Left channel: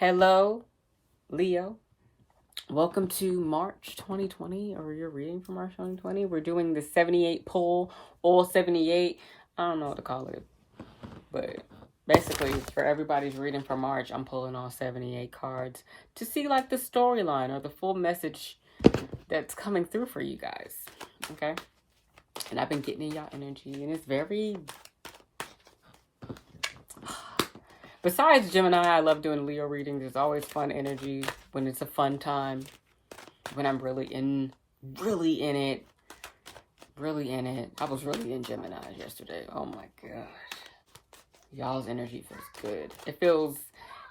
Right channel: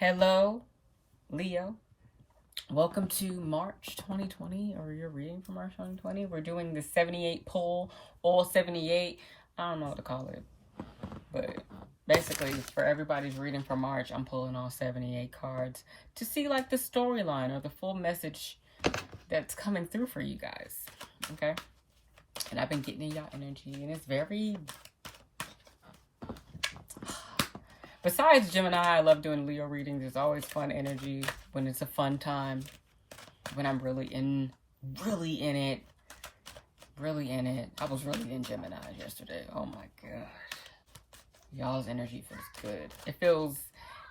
Hello, Leo. Welcome to March 2020, or you're reading for March 2020. We're doing the 78 pull, all 78. I don't know what to call it, but basically, for everybody's reading for March, I'm pulling all 78 cards to see like the storyline or the full message that's coming through for you guys. Okay? And I've been getting in y'all energy, and it's very. Besides Gemini, I love doing Leo readings. There's always fun energy when it's a fun time. When I'm really in it. I was really in Gemini yesterday. Oh my gosh. Y'all's energy feels good.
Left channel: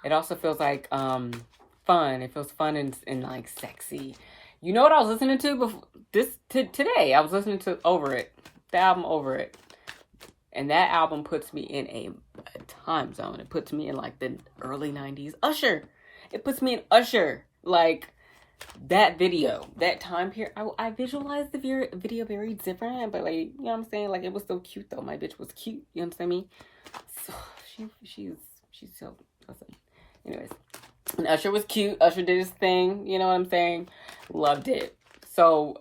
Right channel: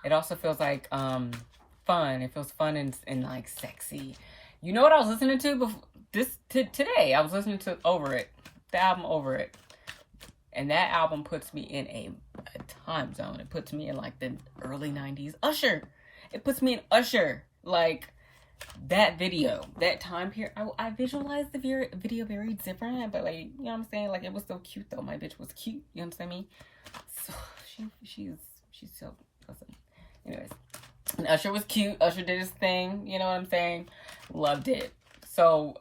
It also feels like fun. It feels fun and like sexy. You know what I was listening to before today? I was listening to Over It. The album Over It. And that album puts me in a time zone. It puts me in like the early 90s. Usher. It puts me in Usher. Like that video, that time period. I visualized the video very different, but like, you know what I'm saying? Like it was so cute though. My bitch was cute. You understand me? So she's so, listen. Anyways. And Usher was cute. Usher did his thing. You know what I'm saying? Loved it. So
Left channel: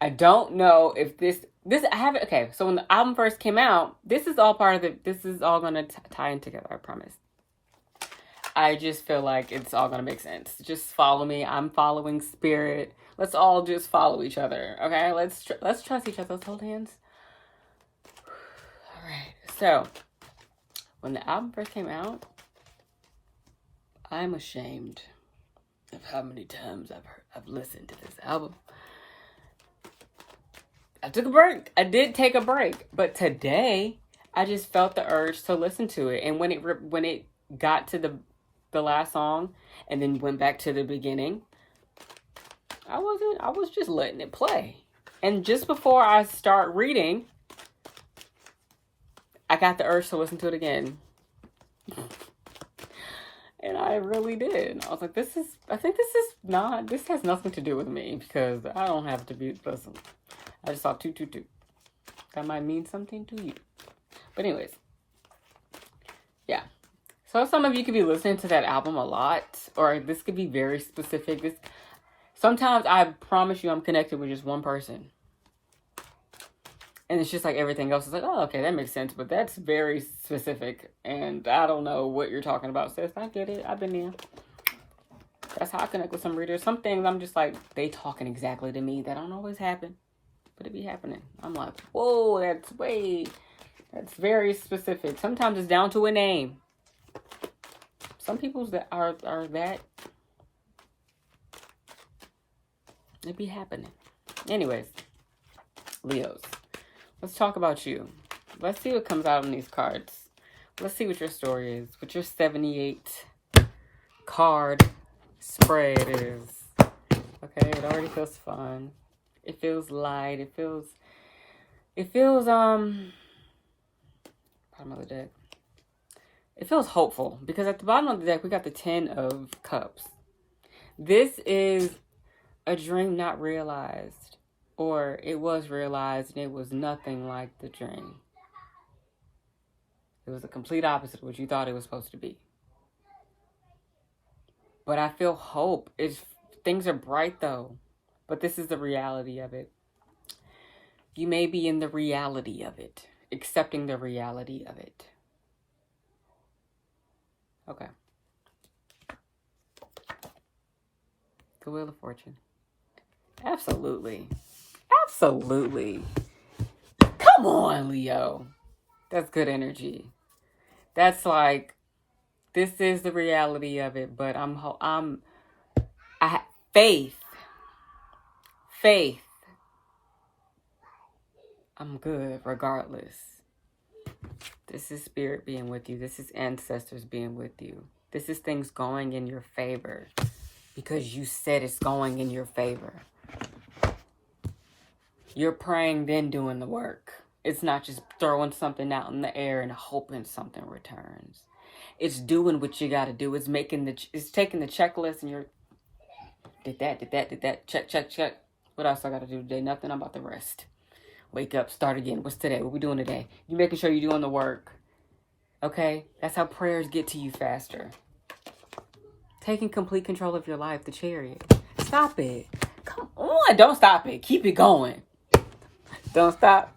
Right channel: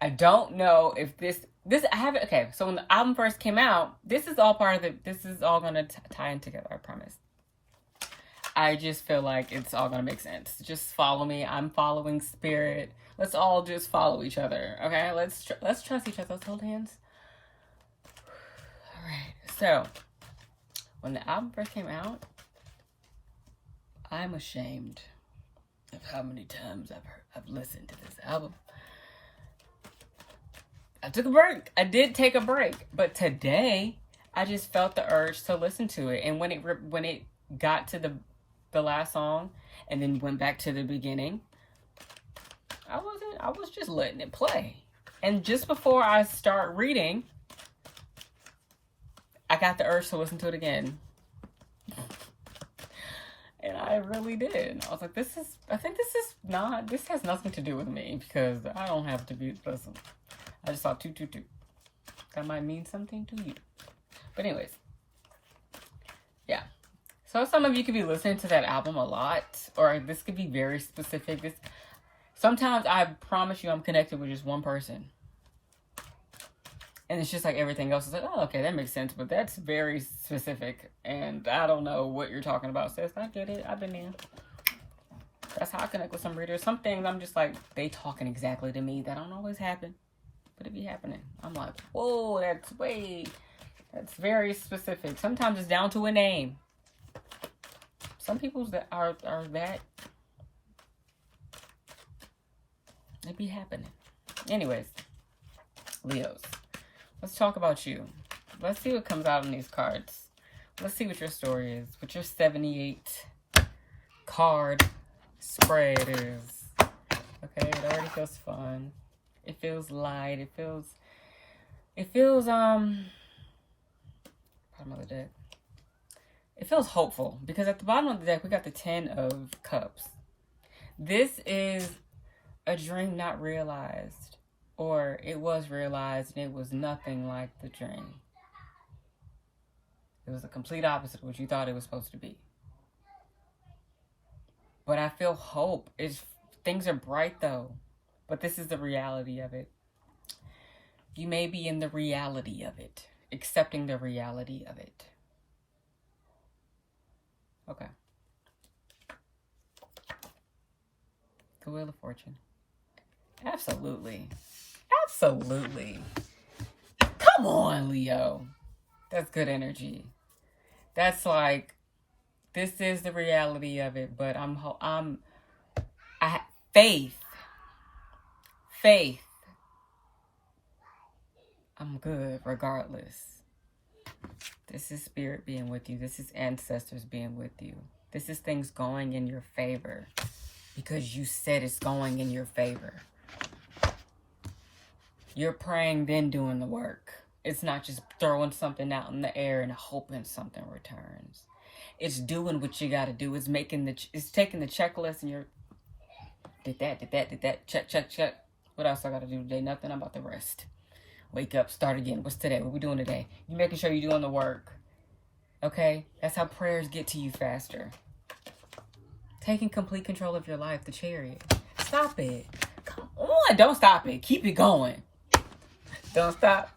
I don't know if this I haven't. Okay, so when the album first came out, this is all part of it. This is all gonna tie in together. I promise. I just feel like it's all gonna make sense. Just follow me. I'm following spirit. Let's all just follow each other. Okay, let's trust each other. Let's hold hands. All right. So when the album first came out, I'm ashamed of how many times I've listened to this album. I took a break. I did take a break, but today I just felt the urge to listen to it. And when it got to the last song, and then you went back to the beginning, I was just letting it play. And just before I start reading, I got the urge to listen to it again. And I really did. I was like, this has nothing to do with me, because I don't have to be, listen. I just saw 222. That might mean something to you. But anyways. Yeah. So some of you could be listening to that album a lot. Or this could be very specific. Sometimes I promise you I'm connected with just one person. And it's just like everything else is like, oh, okay, that makes sense. But that's very specific. And I don't know what you're talking about, sis. I get it. I've been there. That's how I connect with some readers. Some things I'm just like, they talking exactly to me. That don't always happen. But it be happening. I'm like, whoa, that's very specific. Sometimes it's down to a name. Some people's that are that. It be happening. Anyways, Leos, let's talk about you. Let's see what comes out in these cards. Let's see what your story is. What your 78 card spread is. Okay, it already feels fun. It feels light. It feels bottom of the deck. It feels hopeful, because at the bottom of the deck we got the 10 of Cups. This is a dream not realized, or it was realized and it was nothing like the dream. It was the complete opposite of what you thought it was supposed to be. But I feel hope. Things are bright though. But this is the reality of it. You may be in the reality of it. Accepting the reality of it. Okay. The Wheel of Fortune. Absolutely. Absolutely. Come on, Leo. That's good energy. That's like, this is the reality of it. But faith. I'm good regardless. This is spirit being with you. This is ancestors being with you. This is things going in your favor, because you said it's going in your favor. You're praying, then doing the work. It's not just throwing something out in the air and hoping something returns. It's doing what you got to do. It's taking the checklist, and you're did that, check. What else I got to do today? Nothing. I'm about to rest. Wake up, start again. What's today? What we doing today? You making sure you're doing the work. Okay? That's how prayers get to you faster. taking complete control of your life, the Chariot. Stop it. Come on. Don't stop it. Keep it going. Don't stop.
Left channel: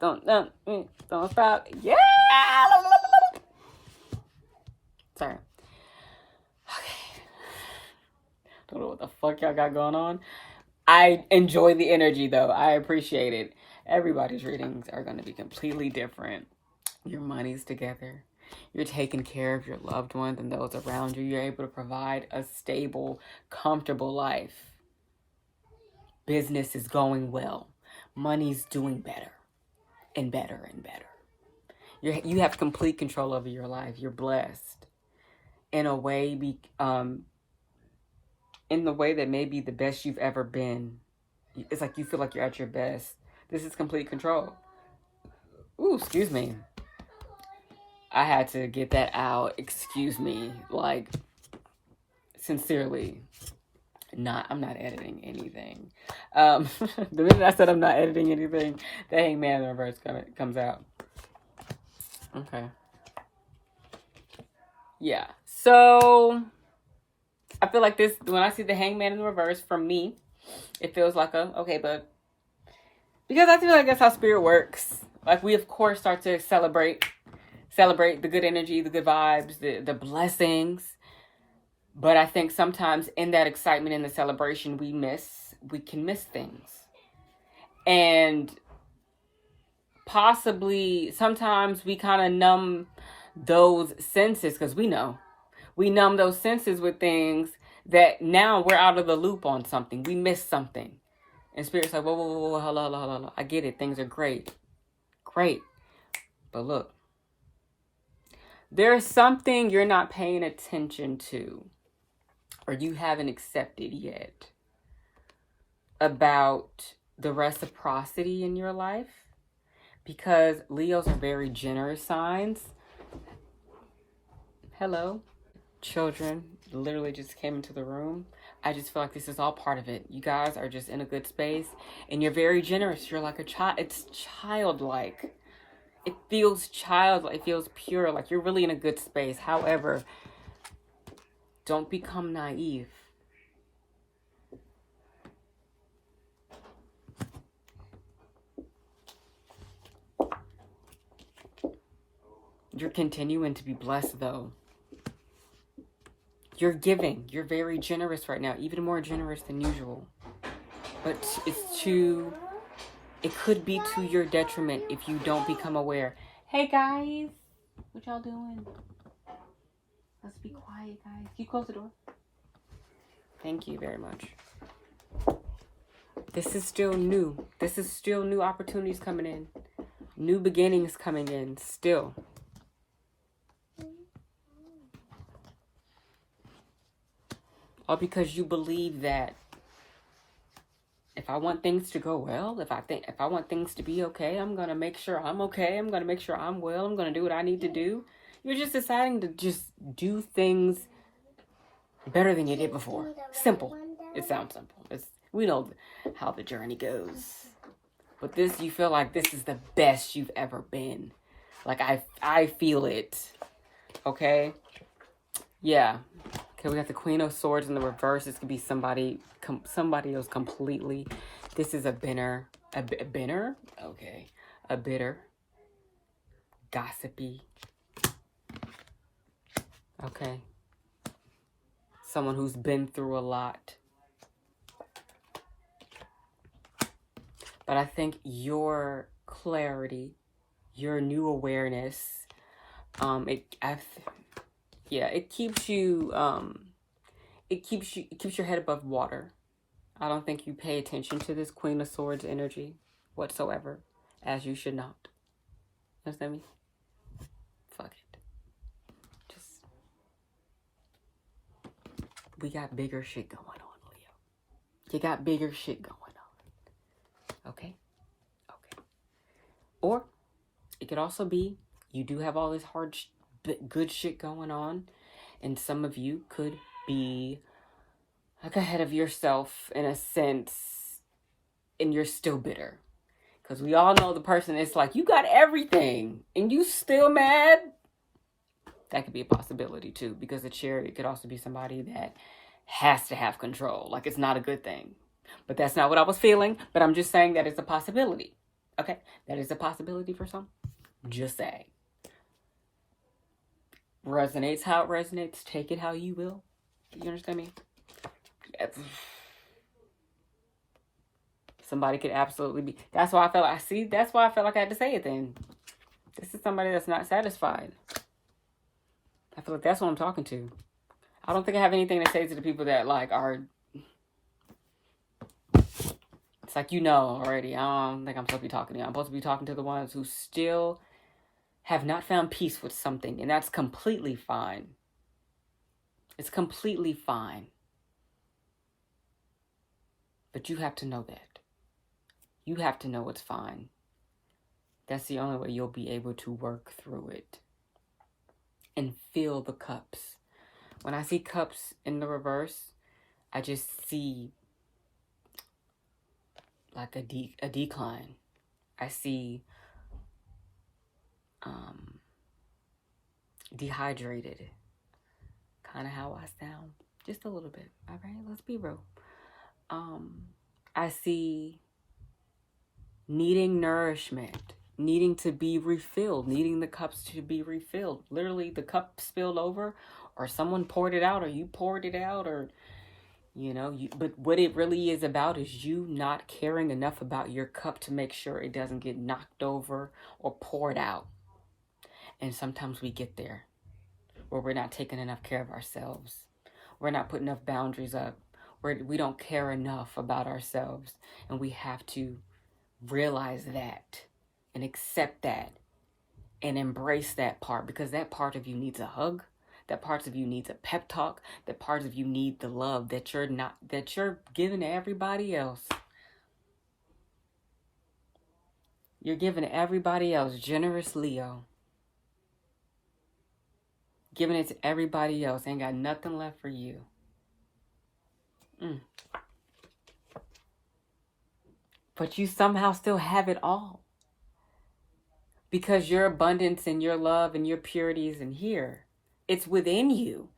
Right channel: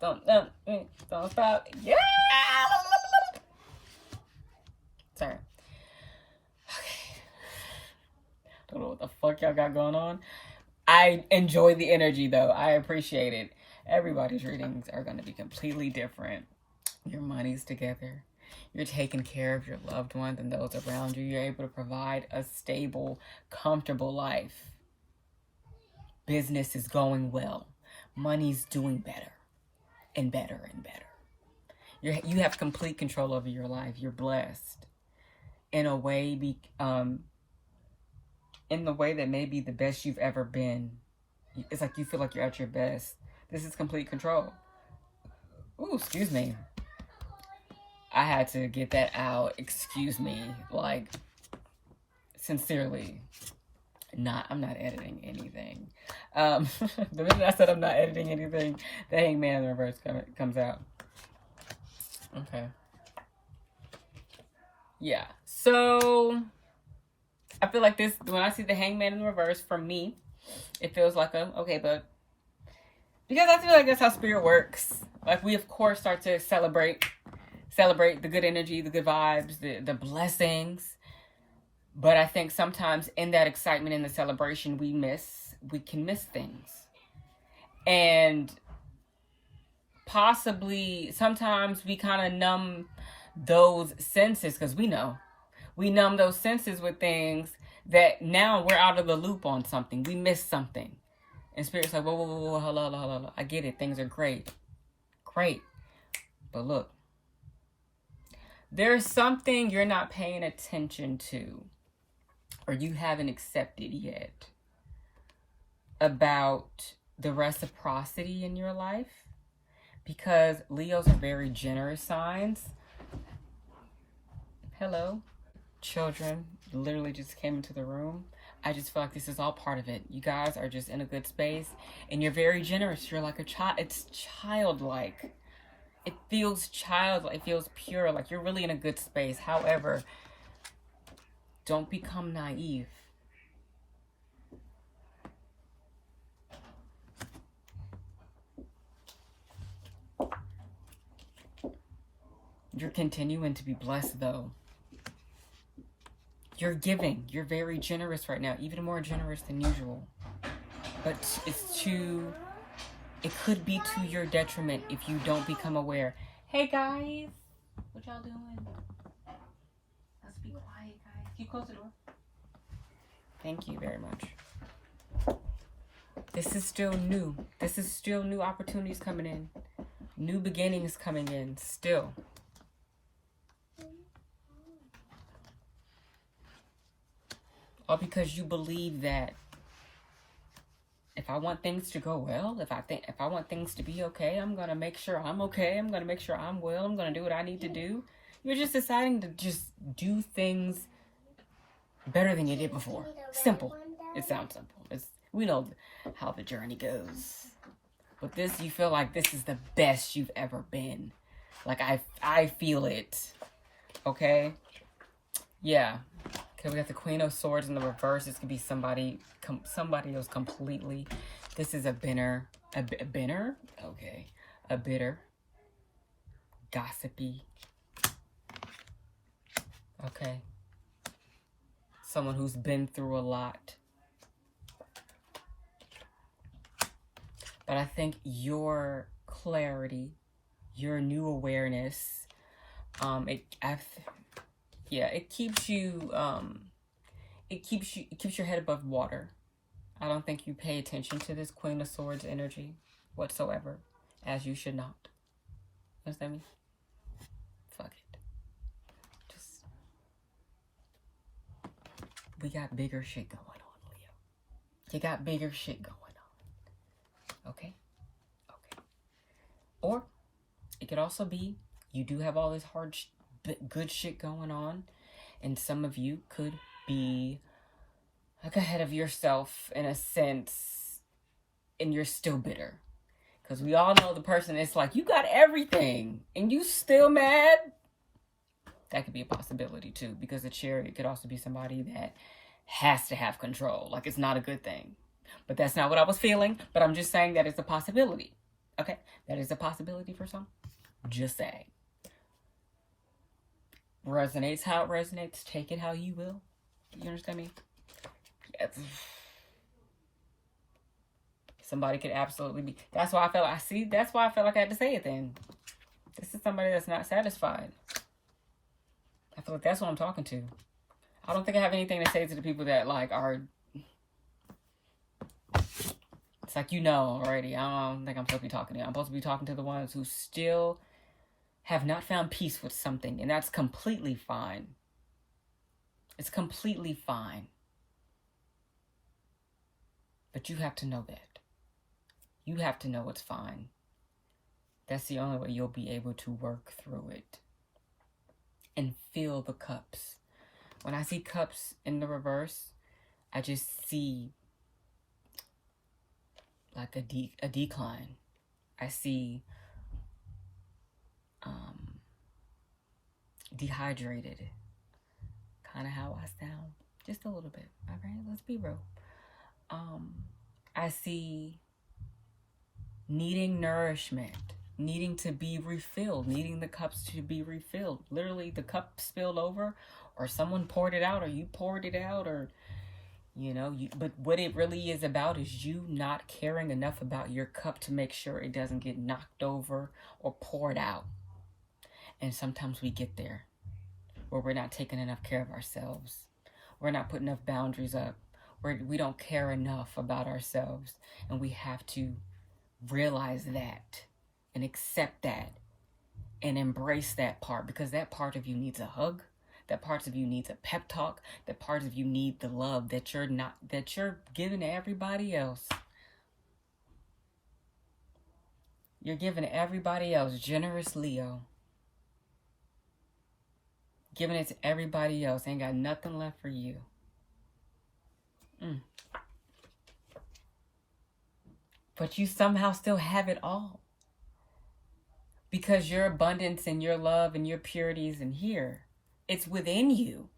Don't stop. Yeah. Sorry. Okay. Don't know what the fuck y'all got going on. I enjoy the energy though. I appreciate it. Everybody's readings are going to be completely different. Your money's together. You're taking care of your loved ones and those around you. You're able to provide a stable, comfortable life. Business is going well. Money's doing better and better and better. You have complete control over your life. You're blessed in a way, in the way that may be the best you've ever been. It's like you feel like you're at your best. This is complete control. Ooh, excuse me. I had to get that out. Excuse me. Like, sincerely. I'm not editing anything. The minute I said I'm not editing anything, the Hangman in reverse comes out. Okay. Yeah. So, I feel like this, when I see the Hangman in reverse, from me, it feels like okay, but because I feel like that's how spirit works. Like, we, of course, start to celebrate the good energy, the good vibes, the blessings. But I think sometimes in that excitement and the celebration, we can miss things. And possibly sometimes we kind of numb those senses, because we numb those senses with things that now we're out of the loop on something. We missed something. And Spirit's like, whoa, hello. I get it. Things are great. But look, there's something you're not paying attention to, or you haven't accepted yet, about the reciprocity in your life. Because Leos are very generous signs. Hello. Children literally just came into the room. I just feel like this is all part of it. You guys are just in a good space, and you're very generous. You're like a child. It's childlike. It feels childlike. It feels pure. Like you're really in a good space. However, don't become naive. You're continuing to be blessed, though. You're giving. You're very generous right now. Even more generous than usual. But it could be to your detriment if you don't become aware. Hey, guys. What y'all doing? Let's be quiet, guys. Can you close the door? Thank you very much. This is still new. This is still new opportunities coming in. New beginnings coming in. Still. All because you believe that if I want things to go well, if I want things to be okay, I'm going to make sure I'm okay. I'm going to make sure I'm well. I'm going to do what I need to do. You're just deciding to just do things better than you did before. Simple. It sounds simple. We know how the journey goes. But this, you feel like this is the best you've ever been. Like, I feel it. Okay? Yeah. Okay, we got the Queen of Swords in the reverse. This could be somebody else completely. This is a binner. A binner? Okay. A bitter. Gossipy. Okay. Someone who's been through a lot. But I think your clarity, your new awareness, it keeps you, it keeps your head above water. I don't think you pay attention to this Queen of Swords energy whatsoever, as you should not. Understand me? Fuck it. We got bigger shit going on, Leo. You got bigger shit going on. Okay? Or it could also be you do have all this good shit going on, and some of you could be like ahead of yourself in a sense, and you're still bitter. Because we all know the person is like, you got everything, and you still mad? That could be a possibility too, because the Chariot could also be somebody that has to have control. Like, it's not a good thing. But that's not what I was feeling. But I'm just saying that it's a possibility. Okay? That is a possibility for some. Just saying. Resonates how it resonates. Take it how you will. You understand me? Somebody could absolutely be. That's why I felt like, that's why I felt like I had to say it then. This is somebody that's not satisfied. I feel like that's what I'm talking to. I don't think I have anything to say to the people that like are. It's like, you know already. I don't think I'm supposed to be talking to you. I'm supposed to be talking to the ones who still have not found peace with something, and that's completely fine. It's completely fine. But you have to know that. You have to know it's fine. That's the only way you'll be able to work through it and fill the cups. When I see cups in the reverse, I just see like a decline. I see dehydrated. Kind of how I sound. Just a little bit. All right, let's be real. I see needing nourishment, needing to be refilled, needing the cups to be refilled. Literally, the cup spilled over, or someone poured it out, or you poured it out, or, you know, but what it really is about is you not caring enough about your cup to make sure it doesn't get knocked over or poured out. And sometimes we get there where we're not taking enough care of ourselves. We're not putting enough boundaries up. We don't care enough about ourselves. And we have to realize that and accept that and embrace that part, because that part of you needs a hug. That part of you needs a pep talk. That part of you needs the love that you're giving to everybody else. You're giving to everybody else. Generous Leo. Giving it to everybody else. Ain't got nothing left for you. But you somehow still have it all. Because your abundance and your love and your purity isn't here. It's within you.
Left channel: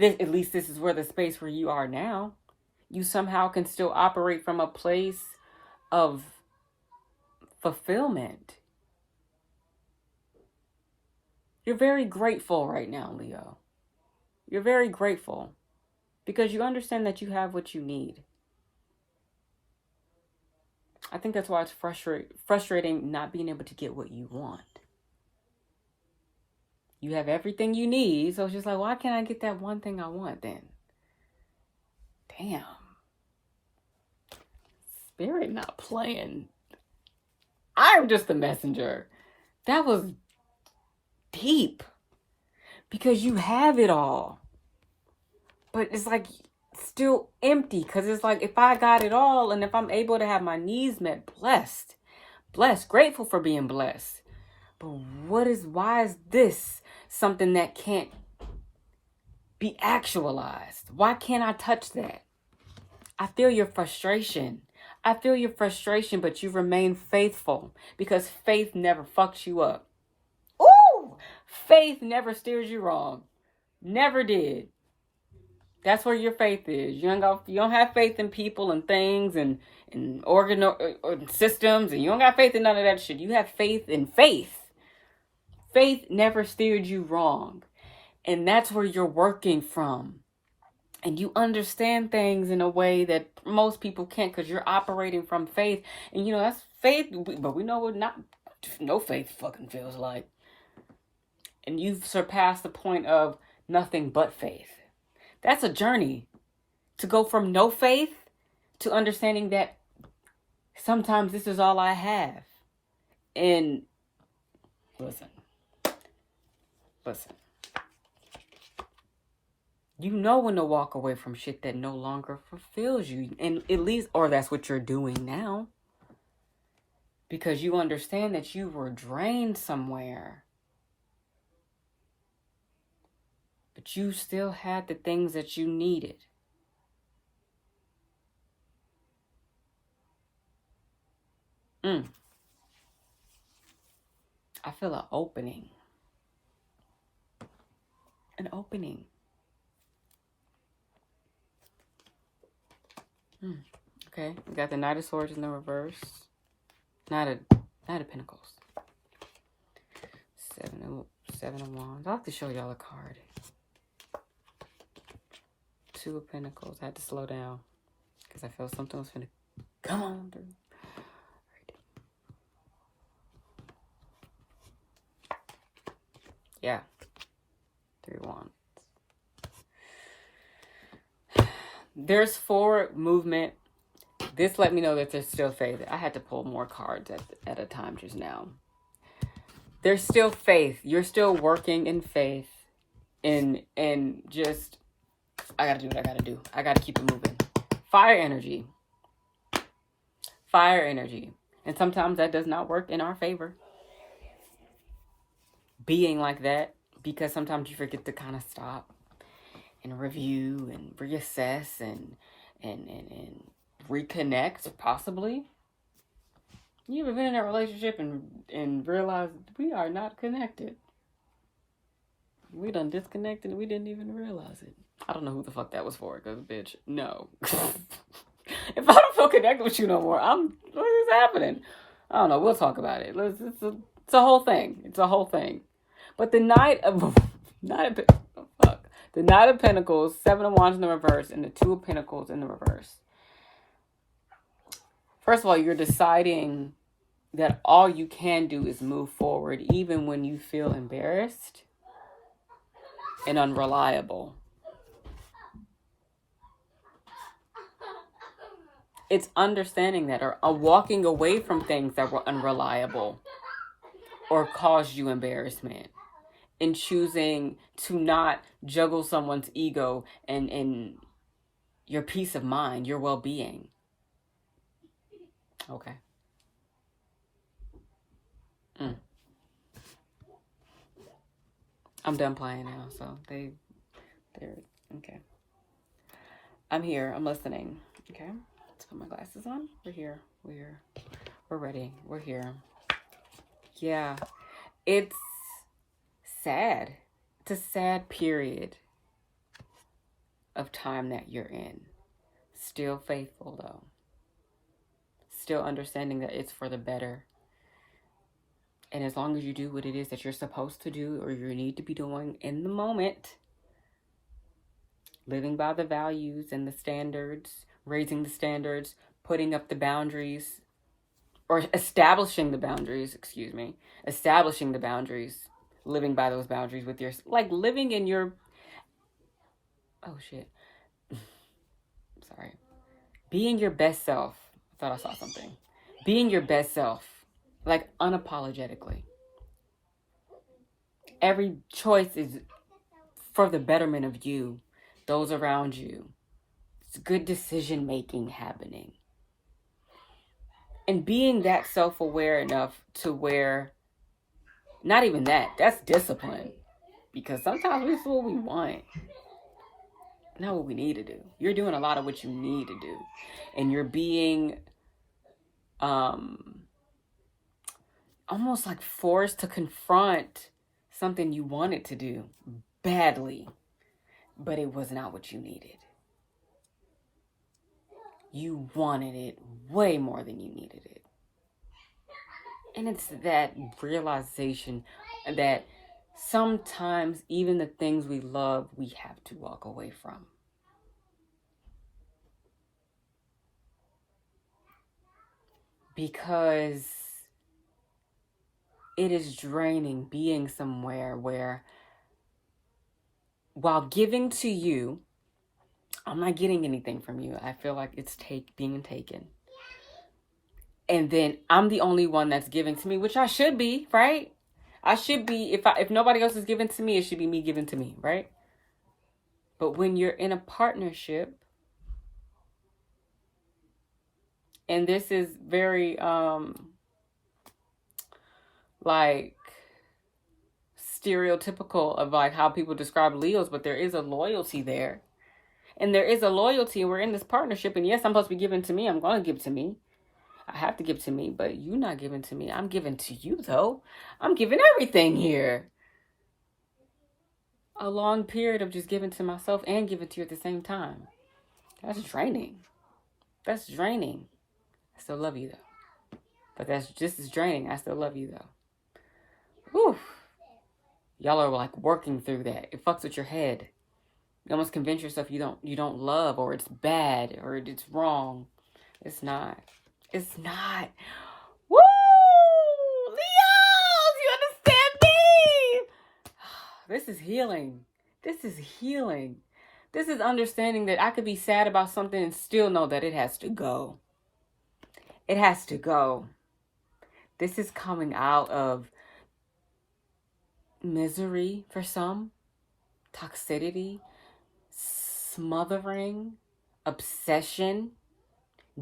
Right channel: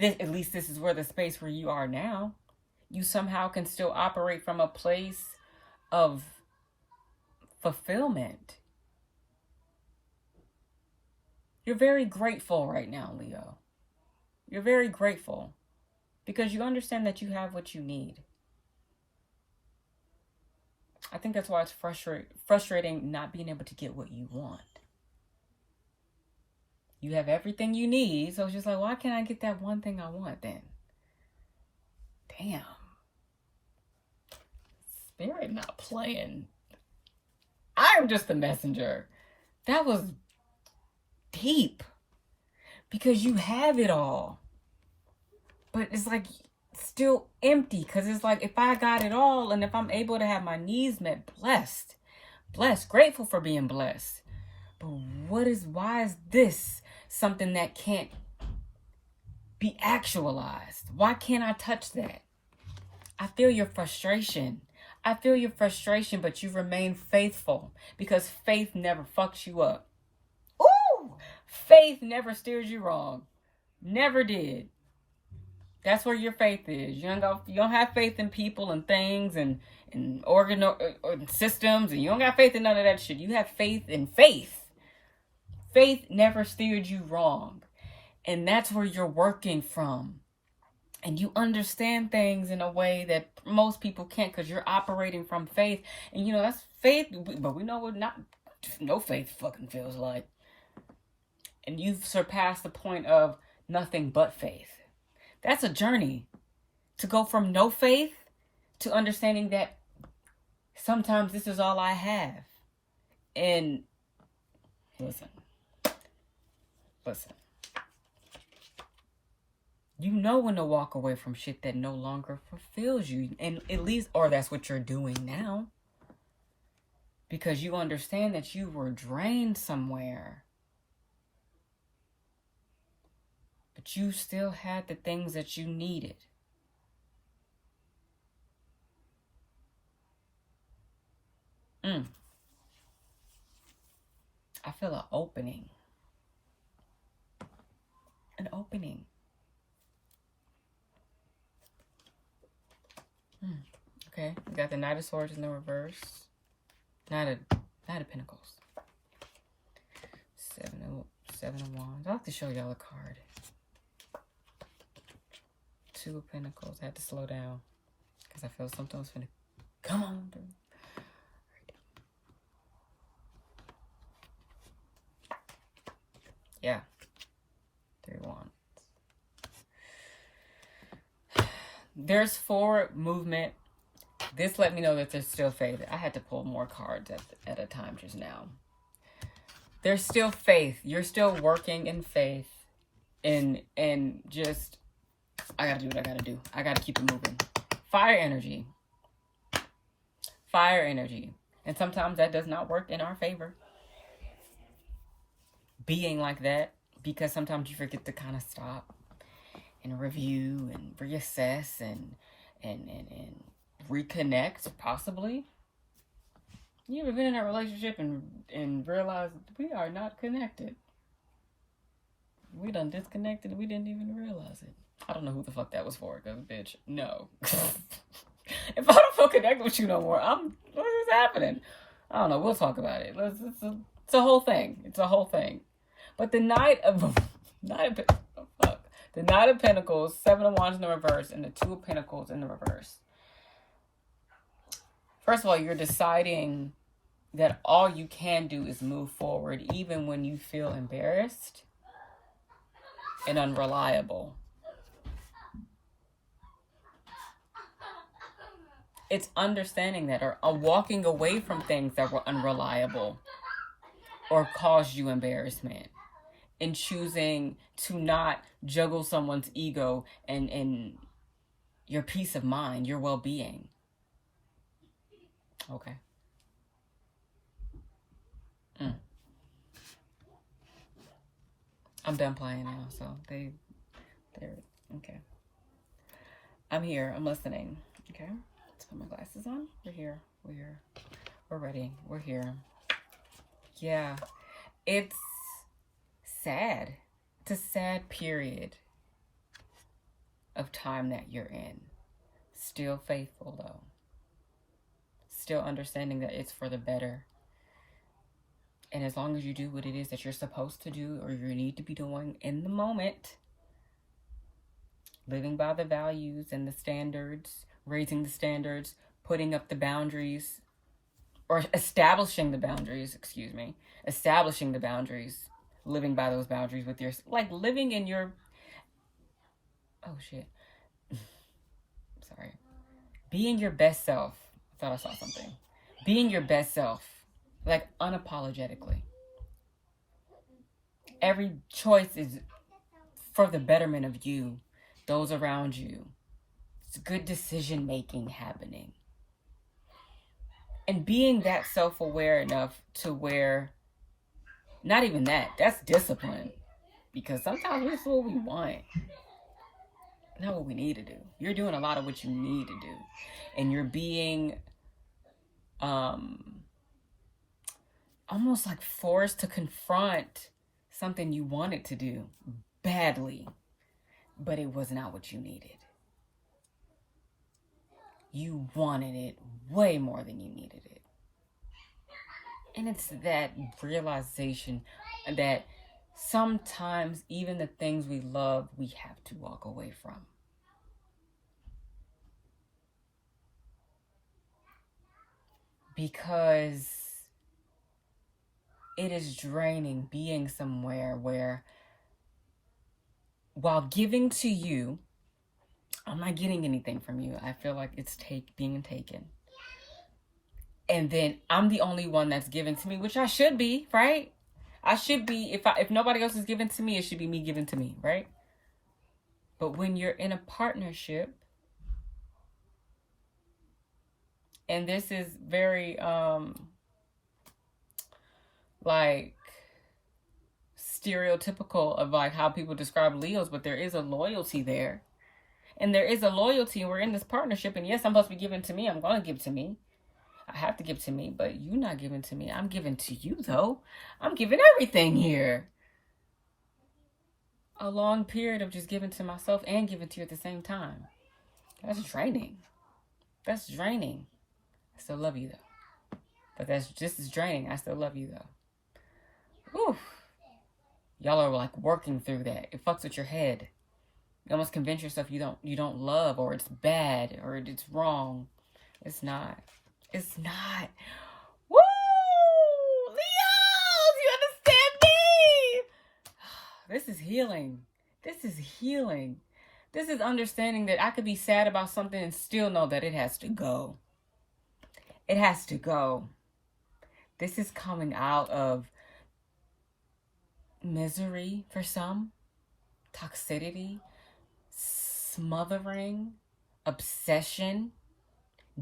At least this is where the space where you are now. You somehow can still operate from a place of fulfillment. You're very grateful right now, Leo. You're very grateful because you understand that you have what you need. I think that's why it's frustrating not being able to get what you want. You have everything you need, so it's just like, why can't I get that one thing I want then? Damn. Spirit not playing. I am just the messenger. That was deep. Because you have it all. But it's like still empty. Because it's like, if I got it all and if I'm able to have my needs met, blessed, grateful for being blessed. But why is this something that can't be actualized? Why can't I touch that? I feel your frustration. But you remain faithful because faith never fucks you up. Ooh! Faith never steers you wrong. Never did. That's where your faith is. You don't have faith in people and things and organ or systems, and you don't got faith in none of that shit. You have faith in faith. Faith never steered you wrong. And that's where you're working from. And you understand things in a way that most people can't because you're operating from faith. And you know, that's faith, but we know what no faith fucking feels like. And you've surpassed the point of nothing but faith. That's a journey to go from no faith to understanding that sometimes this is all I have. And listen. You know when to walk away from shit that no longer fulfills you. And at least, or that's what you're doing now. Because you understand that you were drained somewhere. But you still had the things that you needed. I feel an opening. an opening. Okay, we got the Knight of Swords in the reverse. Knight of Pentacles. Seven of Wands. I'll have to show y'all a card. Two of Pentacles. I had to slow down because I felt something was finna come on through. Yeah. Three of Wands. There's forward movement. This let me know that there's still faith. I had to pull more cards at a time just now. There's still faith. You're still working in faith. And just, I gotta do what I gotta do. I gotta keep it moving. Fire energy. Fire energy. And sometimes that does not work in our favor. Being like that, because sometimes you forget to kind of stop and review and reassess and reconnect, possibly. You ever been in a relationship and realize we are not connected? We done disconnected and we didn't even realize it. I don't know who the fuck that was for, because bitch, no. If I don't feel connected with you no more, what is happening? I don't know. We'll talk about it. It's a whole thing. It's a whole thing. But the Knight of Pentacles, Seven of Wands in the reverse, and the Two of Pentacles in the reverse. First of all, you're deciding that all you can do is move forward, even when you feel embarrassed and unreliable. It's understanding that, or walking away from things that were unreliable or caused you embarrassment, and choosing to not juggle someone's ego and your peace of mind, your well-being. Okay. I'm done playing now, so they're okay. I'm here. I'm listening. Okay. Let's put my glasses on. We're here. We're ready. We're here. Yeah. It's sad. It's a sad period of time that you're in. Still faithful, though. Still understanding that it's for the better. And as long as you do what it is that you're supposed to do or you need to be doing in the moment, living by the values and the standards, raising the standards, putting up the boundaries, or establishing the boundaries, living by those boundaries with your, like living in your, oh shit, sorry, being your best self. I thought I saw something. Being your best self, like unapologetically. Every choice is for the betterment of you, those around you. It's good decision making happening. And being that self-aware enough to where, not even that, that's discipline. Because sometimes we do what we want, not what we need to do. You're doing a lot of what you need to do. And you're being almost like forced to confront something you wanted to do badly, but it was not what you needed. You wanted it way more than you needed it. And it's that realization that sometimes even the things we love, we have to walk away from. Because it is draining being somewhere where, while giving to you, I'm not getting anything from you. I feel like it's being taken. And then I'm the only one that's giving to me, which I should be, right? I should be, if nobody else is giving to me, it should be me giving to me, right? But when you're in a partnership, and this is very, like, stereotypical of like how people describe Leos, but there is a loyalty there. And there is a loyalty, and we're in this partnership, and yes, I'm supposed to be giving to me. I'm going to give to me. I have to give to me, but you're not giving to me. I'm giving to you, though. I'm giving everything here. a long period of just giving to myself and giving to you at the same time. That's draining. That's draining. I still love you though. But that's just as draining. I still love you though. Whew. Y'all are like working through that. It fucks with your head. You almost convince yourself you don't love, or it's bad, or it's wrong. It's not. It's not. Woo! Leos! You understand me? This is healing. This is healing. This is understanding that I could be sad about something and still know that it has to go. It has to go. This is coming out of misery for some, toxicity, smothering, obsession,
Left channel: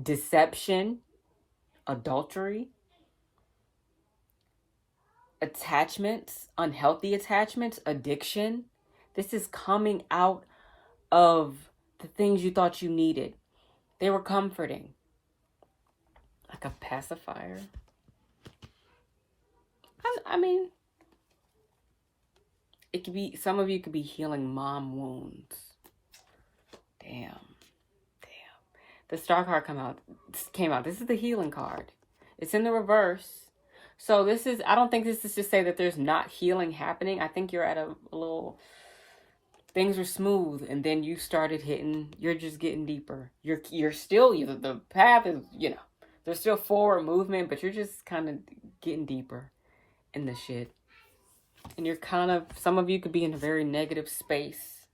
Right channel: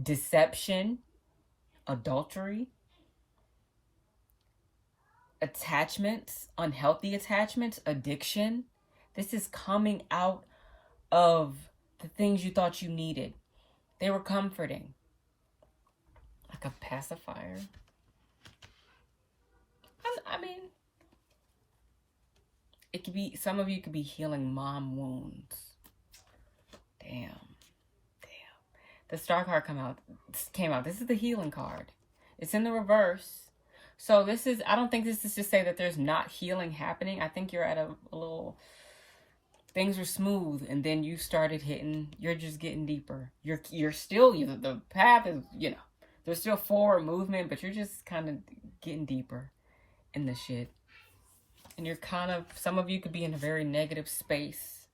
deception, adultery, attachments, unhealthy attachments, addiction. This is coming out of the things you thought you needed. They were comforting. Like a pacifier. I mean, it could be, some of you could be healing mom wounds. Damn. The Star card came out. This is the healing card. It's in the reverse. So this is, I don't think this is to say that there's not healing happening. I think you're at a little, things were smooth and then you started hitting, you're just getting deeper. You're still, the path is, there's still forward movement, but you're just kind of getting deeper in the shit. And you're kind of, some of you could be in a very negative space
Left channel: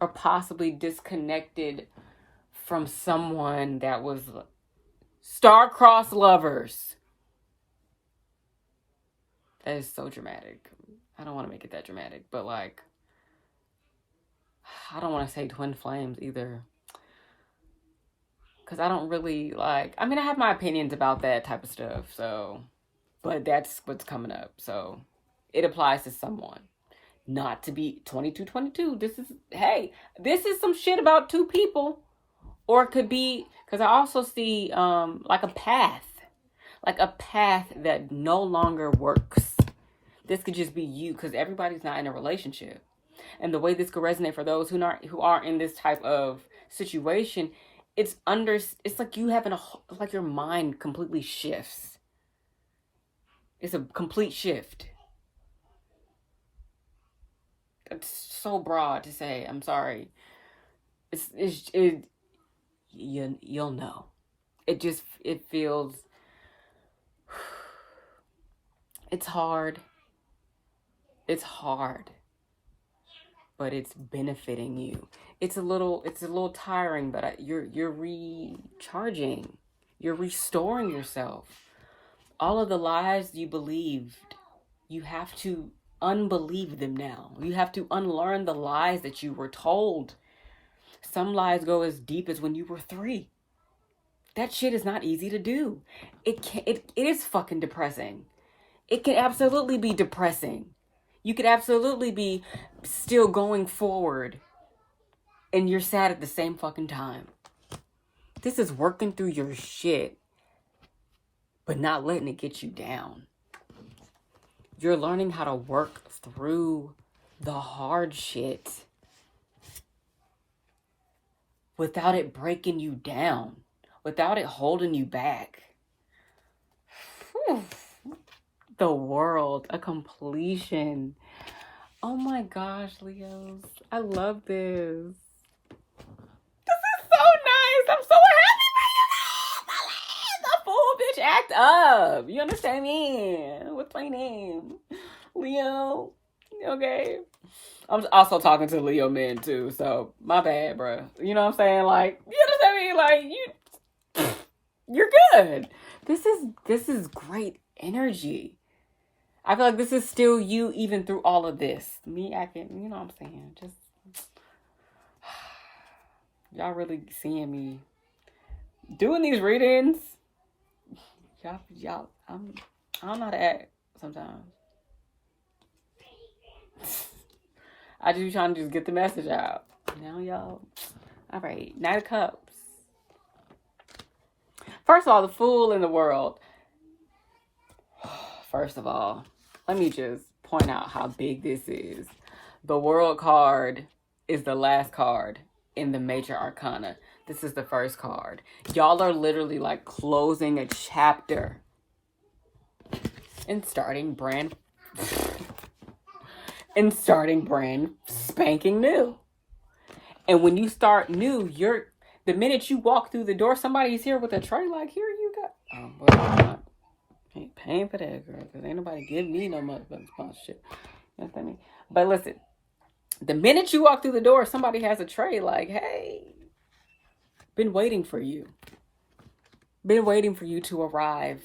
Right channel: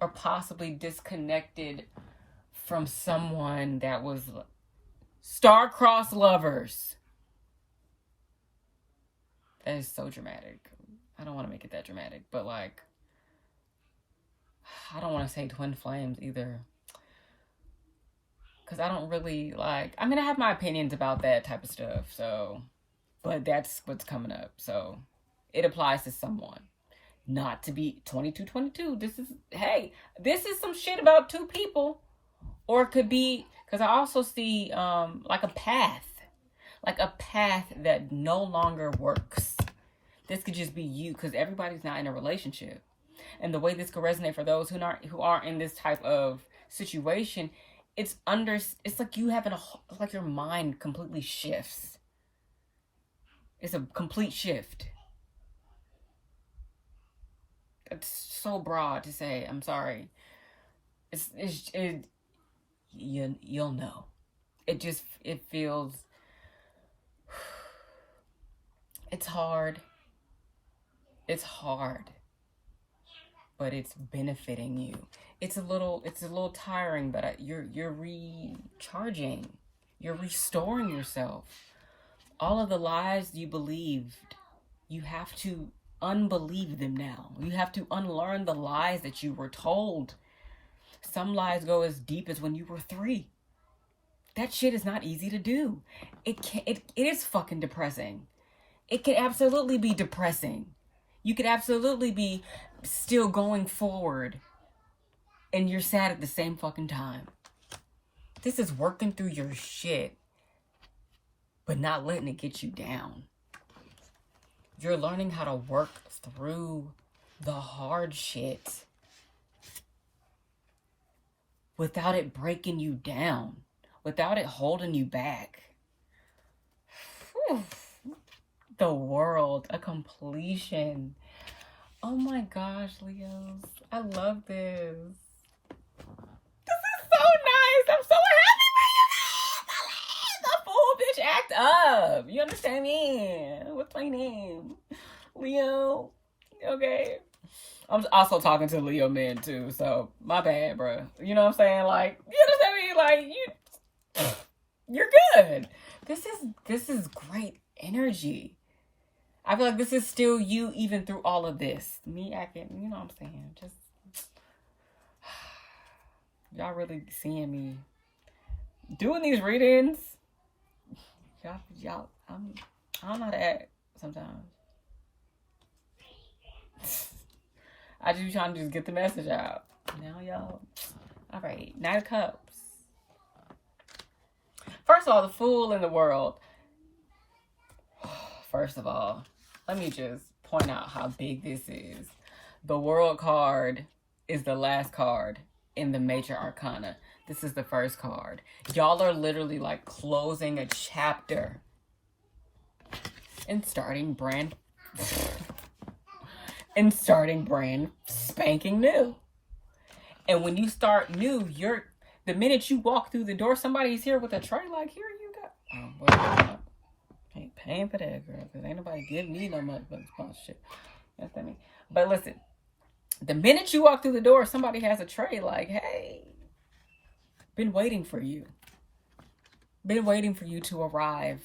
or possibly disconnected from someone that was star-crossed lovers. That is so dramatic. I don't want to make it that dramatic, but like, I don't want to say twin flames either. Because I don't really like, I mean, I have my opinions about that type of stuff, so, but that's what's coming up. So it applies to someone. Not to be 2222. This is some shit about two people. Or it could be, because I also see like a path that no longer works. This could just be you, because everybody's not in a relationship. And the way this could resonate for those who aren't in this type of situation, it's like you having like your mind completely shifts. It's a complete shift. It's so broad to say. I'm sorry. You'll know. It feels, it's hard. It's hard, but it's benefiting you. It's a little tiring, but you're recharging. You're restoring yourself. All of the lies you believed, you have to unbelieve them now. You have to unlearn the lies that you were told. Some lies go as deep as when you were 3. That shit is not easy to do. It is fucking depressing. It can absolutely be depressing. You could absolutely be still going forward and you're sad at the same fucking time. This is working through your shit, but not letting it get you down. You're learning how to work through the hard shit without it breaking you down, without it holding you back. Whew. The world, a completion. Oh my gosh, Leos. I love this. This is so nice. I'm so happy for you. The fool bitch act up. You understand me? What's my name? Leo. Okay. I'm also talking to Leo men too, so my bad, bro. You know what I'm saying? Like, you understand me? Like, you're good. This is great energy. I feel like this is still you even through all of this. Me acting, you know what I'm saying? Just, y'all really seeing me doing these readings. Y'all, I don't know how to act sometimes. I just be trying to just get the message out. Now, y'all. All right. Knight of Cups. First of all, the fool in the world. First of all, let me just point out how big this is. The World card is the last card in the major arcana. This is the first card. Y'all are literally like closing a chapter and starting brand spanking new. And when you start new, the minute you walk through the door, somebody's here with a tray like, here you go. Oh, well, I ain't paying for that, girl, because ain't nobody give me no motherfucking sponsorship. You know what I mean? But listen, the minute you walk through the door, somebody has a tray like, hey, been waiting for you. Been waiting for you to arrive.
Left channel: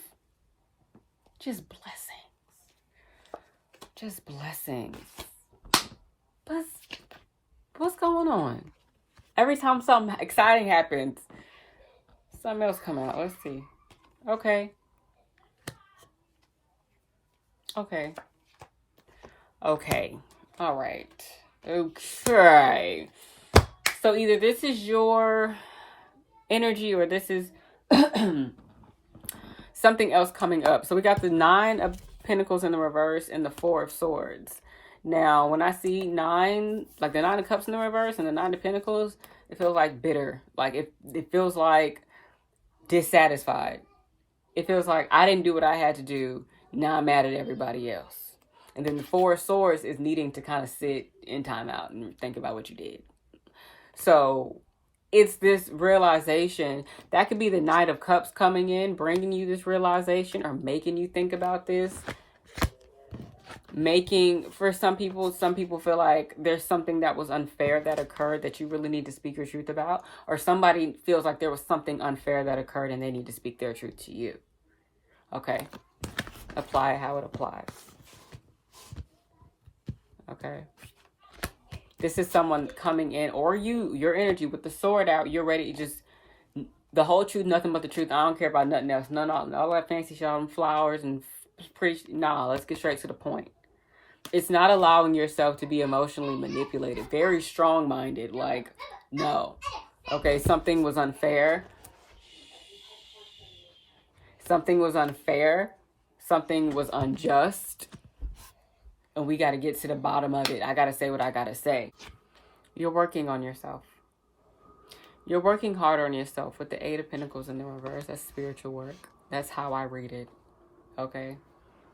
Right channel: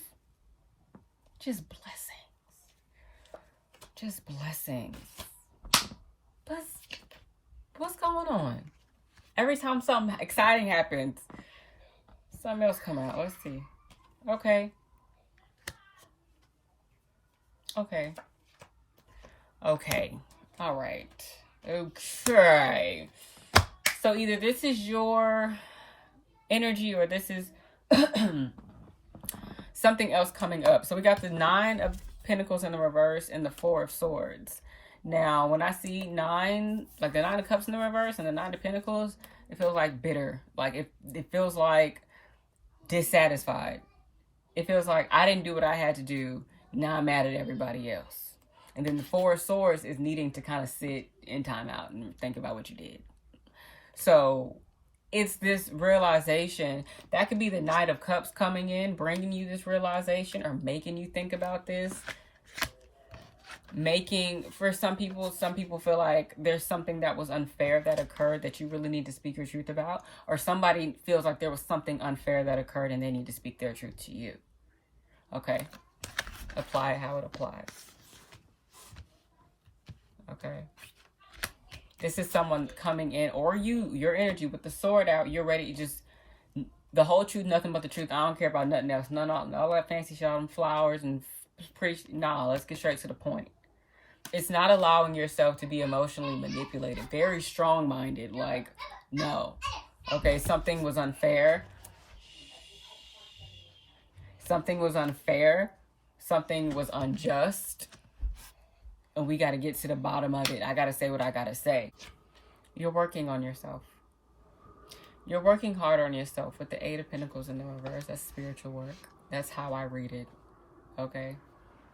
Just blessings. Just blessings. But what's going on? Every time something exciting happens, something else come out. Let's see. Okay. Okay. Okay. All right. Okay. So either this is your energy or this is something else coming up. So we got the 9 of Pentacles in the reverse and the 4 of Swords. Now, when I see 9, like the 9 of Cups in the reverse and the 9 of Pentacles, it feels like bitter. Like it feels like dissatisfied. It feels like I didn't do what I had to do. Now I'm mad at everybody else. And then the 4 of Swords is needing to kind of sit in timeout and think about what you did. So it's this realization. That could be the Knight of Cups coming in, bringing you this realization or making you think about this. For some people feel like there's something that was unfair that occurred that you really need to speak your truth about. Or somebody feels like there was something unfair that occurred and they need to speak their truth to you. Okay. Apply it how it applies. Okay. This is someone coming in, or your energy with the sword out. You're ready to just, the whole truth, nothing but the truth. I don't care about nothing else. All that fancy shit, all them flowers and preach. Nah, let's get straight to the point. It's not allowing yourself to be emotionally manipulated. Very strong-minded. Like, no. Okay, something was unfair. Something was unfair. Something was unjust. And we got to get to the bottom of it. I got to say what I got to say. You're working on yourself. You're working hard on yourself with the 8 of Pentacles in the reverse. That's spiritual work. That's how I read it. Okay?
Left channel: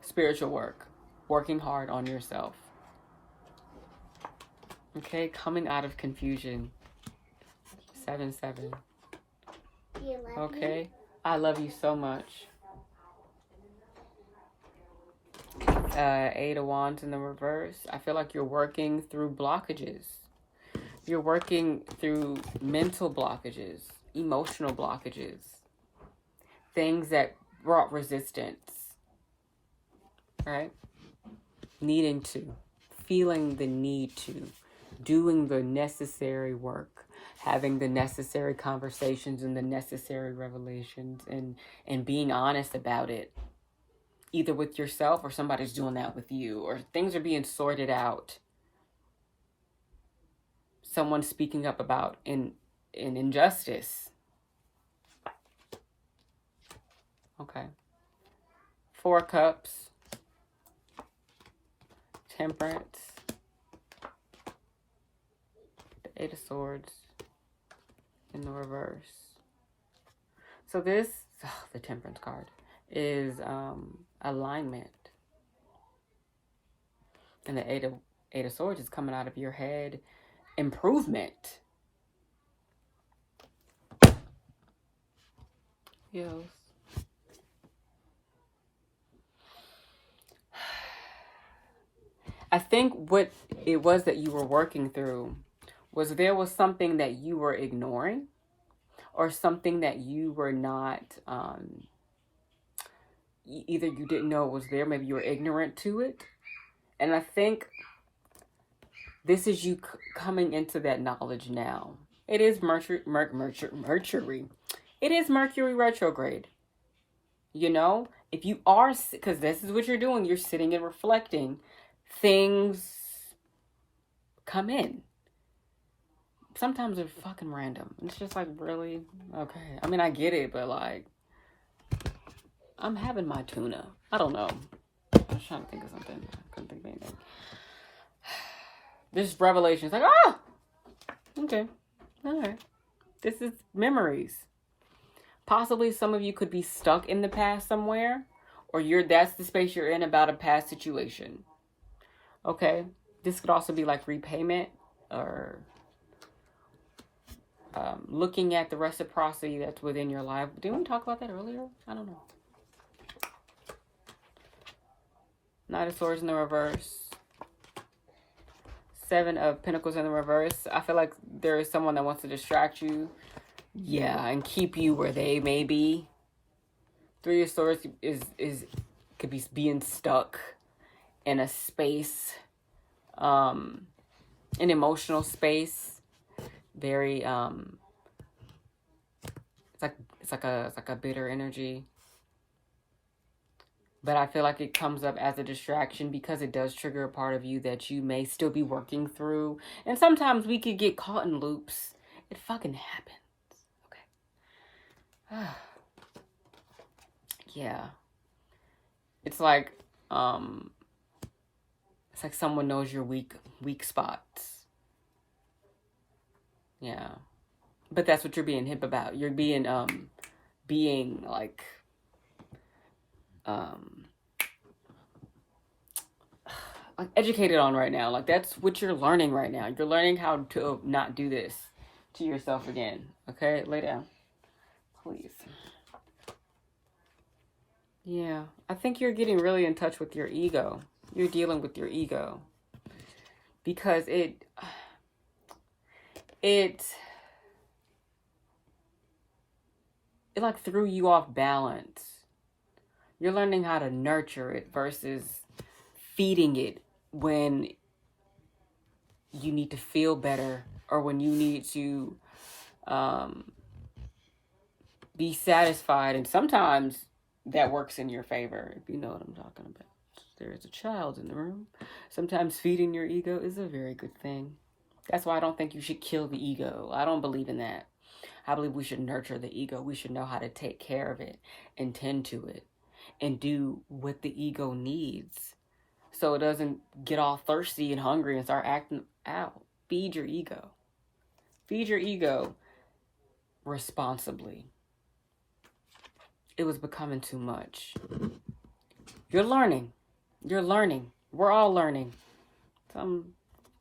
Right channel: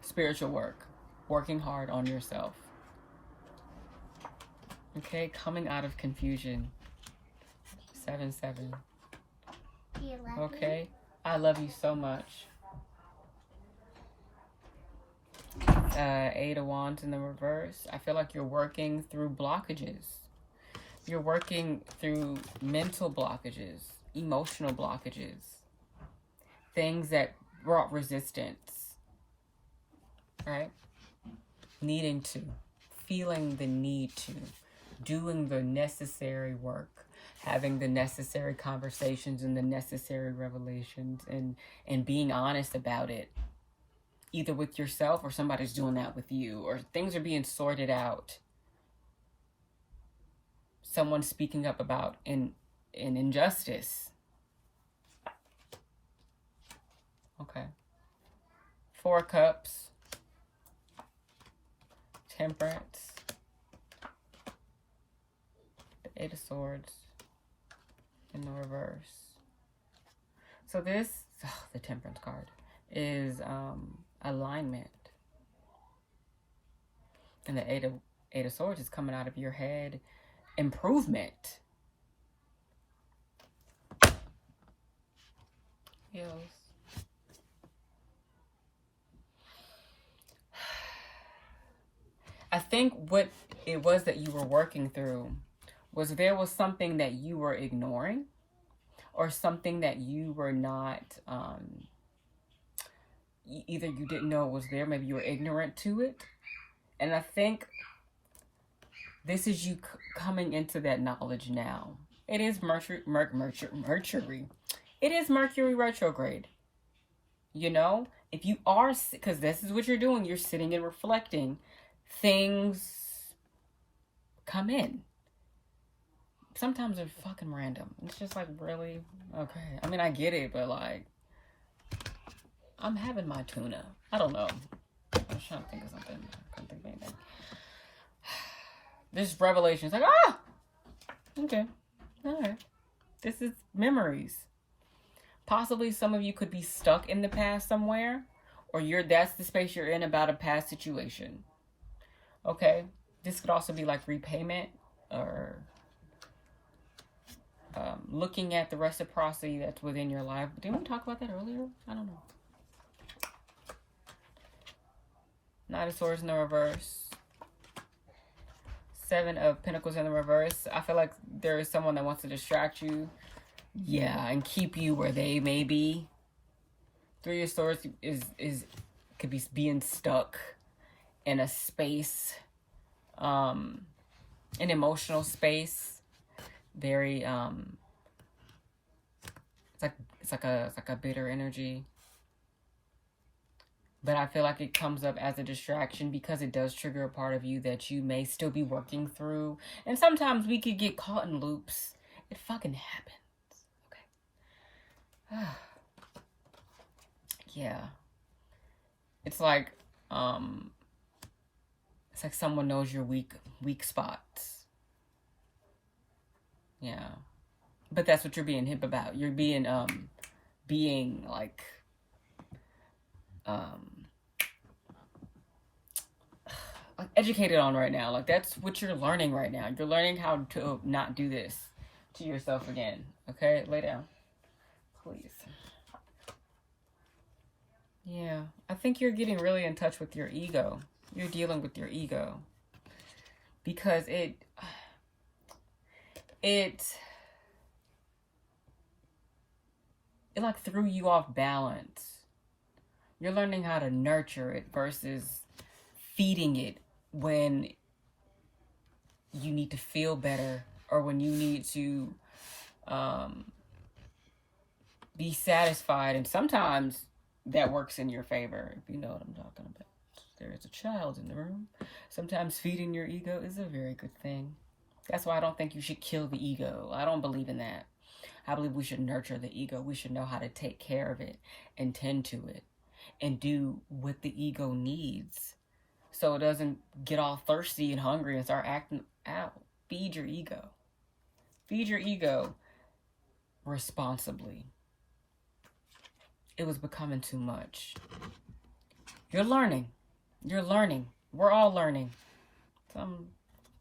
Spiritual work. Working hard on yourself. Okay? Coming out of confusion. 7-7. Okay? I love you so much. 8 of Wands in the reverse. I feel like you're working through blockages. You're working through mental blockages, emotional blockages, things that brought resistance, right? Needing to, feeling the need to, doing the necessary work, having the necessary conversations and the necessary revelations, and being honest about it. Either with yourself or somebody's doing that with you, or things are being sorted out. Someone's speaking up about an injustice. Okay. 4 Cups. Temperance. The 8 of Swords in the reverse. So this, the Temperance card, is alignment. And the 8 of Swords is coming out of your head. Improvement. Yes. I think what it was that you were working through was there was something that you were ignoring, or something that you were not, either you didn't know it was there, maybe you were ignorant to it. And I think this is you coming into that knowledge now. It is Mercury. It is Mercury retrograde. You know, if you are, because this is what you're doing, you're sitting and reflecting, things come in. Sometimes they're fucking random. It's just like, really? Okay. I mean, I get it, but like, I'm having my tuna. I don't know. I was trying to think of something. I couldn't think of anything. This revelation is like, okay, all right. This is memories. Possibly some of you could be stuck in the past somewhere, or that's the space you're in about a past situation. Okay, this could also be like repayment or looking at the reciprocity that's within your life. Didn't we talk about that earlier? I don't know. Knight of Swords in the reverse. Seven of Pentacles in the reverse. I feel like there is someone that wants to distract you. Yeah, and keep you where they may be. Three of Swords could be being stuck in a space, an emotional space. Very it's like a bitter energy. But I feel like it comes up as a distraction because it does trigger a part of you that you may still be working through. And sometimes we could get caught in loops. It fucking happens. Okay. Yeah. It's like someone knows your weak spots. Yeah. But that's what you're being hip about. You're being like educated on right now. Like that's what you're learning right now. You're learning how to not do this to yourself again. Okay, lay down, please. Yeah, I think you're getting really in touch with your ego. You're dealing with your ego because it like threw you off balance. You're learning how to nurture it versus feeding it when you need to feel better or when you need to be satisfied. And sometimes that works in your favor, if you know what I'm talking about. There's a child in the room. Sometimes feeding your ego is a very good thing. That's why I don't think you should kill the ego. I don't believe in that. I believe we should nurture the ego. We should know how to take care of it and tend to it and do what the ego needs so it doesn't get all thirsty and hungry and start acting out. Feed your ego. Feed your ego responsibly. It was becoming too much. You're learning. You're learning. We're all learning.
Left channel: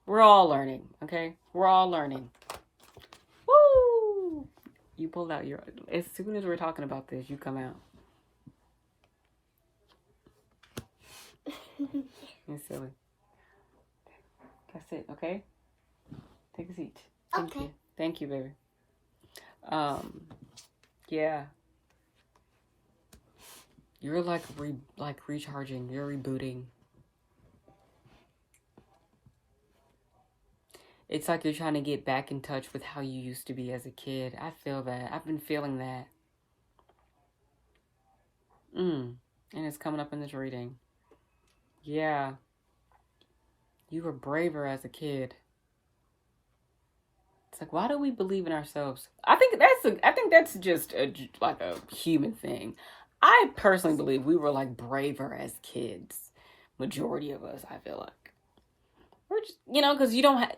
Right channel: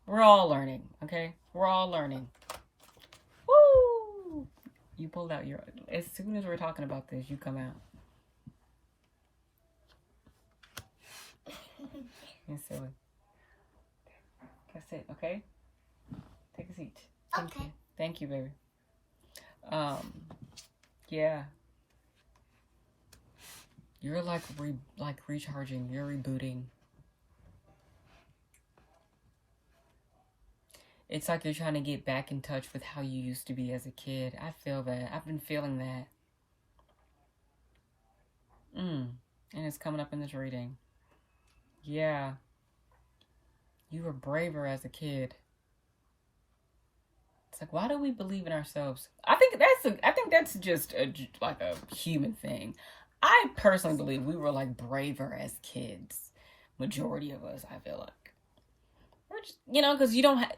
We're all learning, okay? We're all learning. Woo! You pulled out your... As soon as we're talking about this, you come out. You're silly. That's it, okay? Take a seat. Thank you. Thank you, baby. Yeah. You're like recharging. You're rebooting. It's like you're trying to get back in touch with how you used to be as a kid. I feel that. I've been feeling that. And it's coming up in this reading. Yeah. You were braver as a kid. It's like, why do we believe in ourselves? I think that's just like a human thing. I personally believe we were like braver as kids. Majority of us, I feel like. We're just, because you don't have...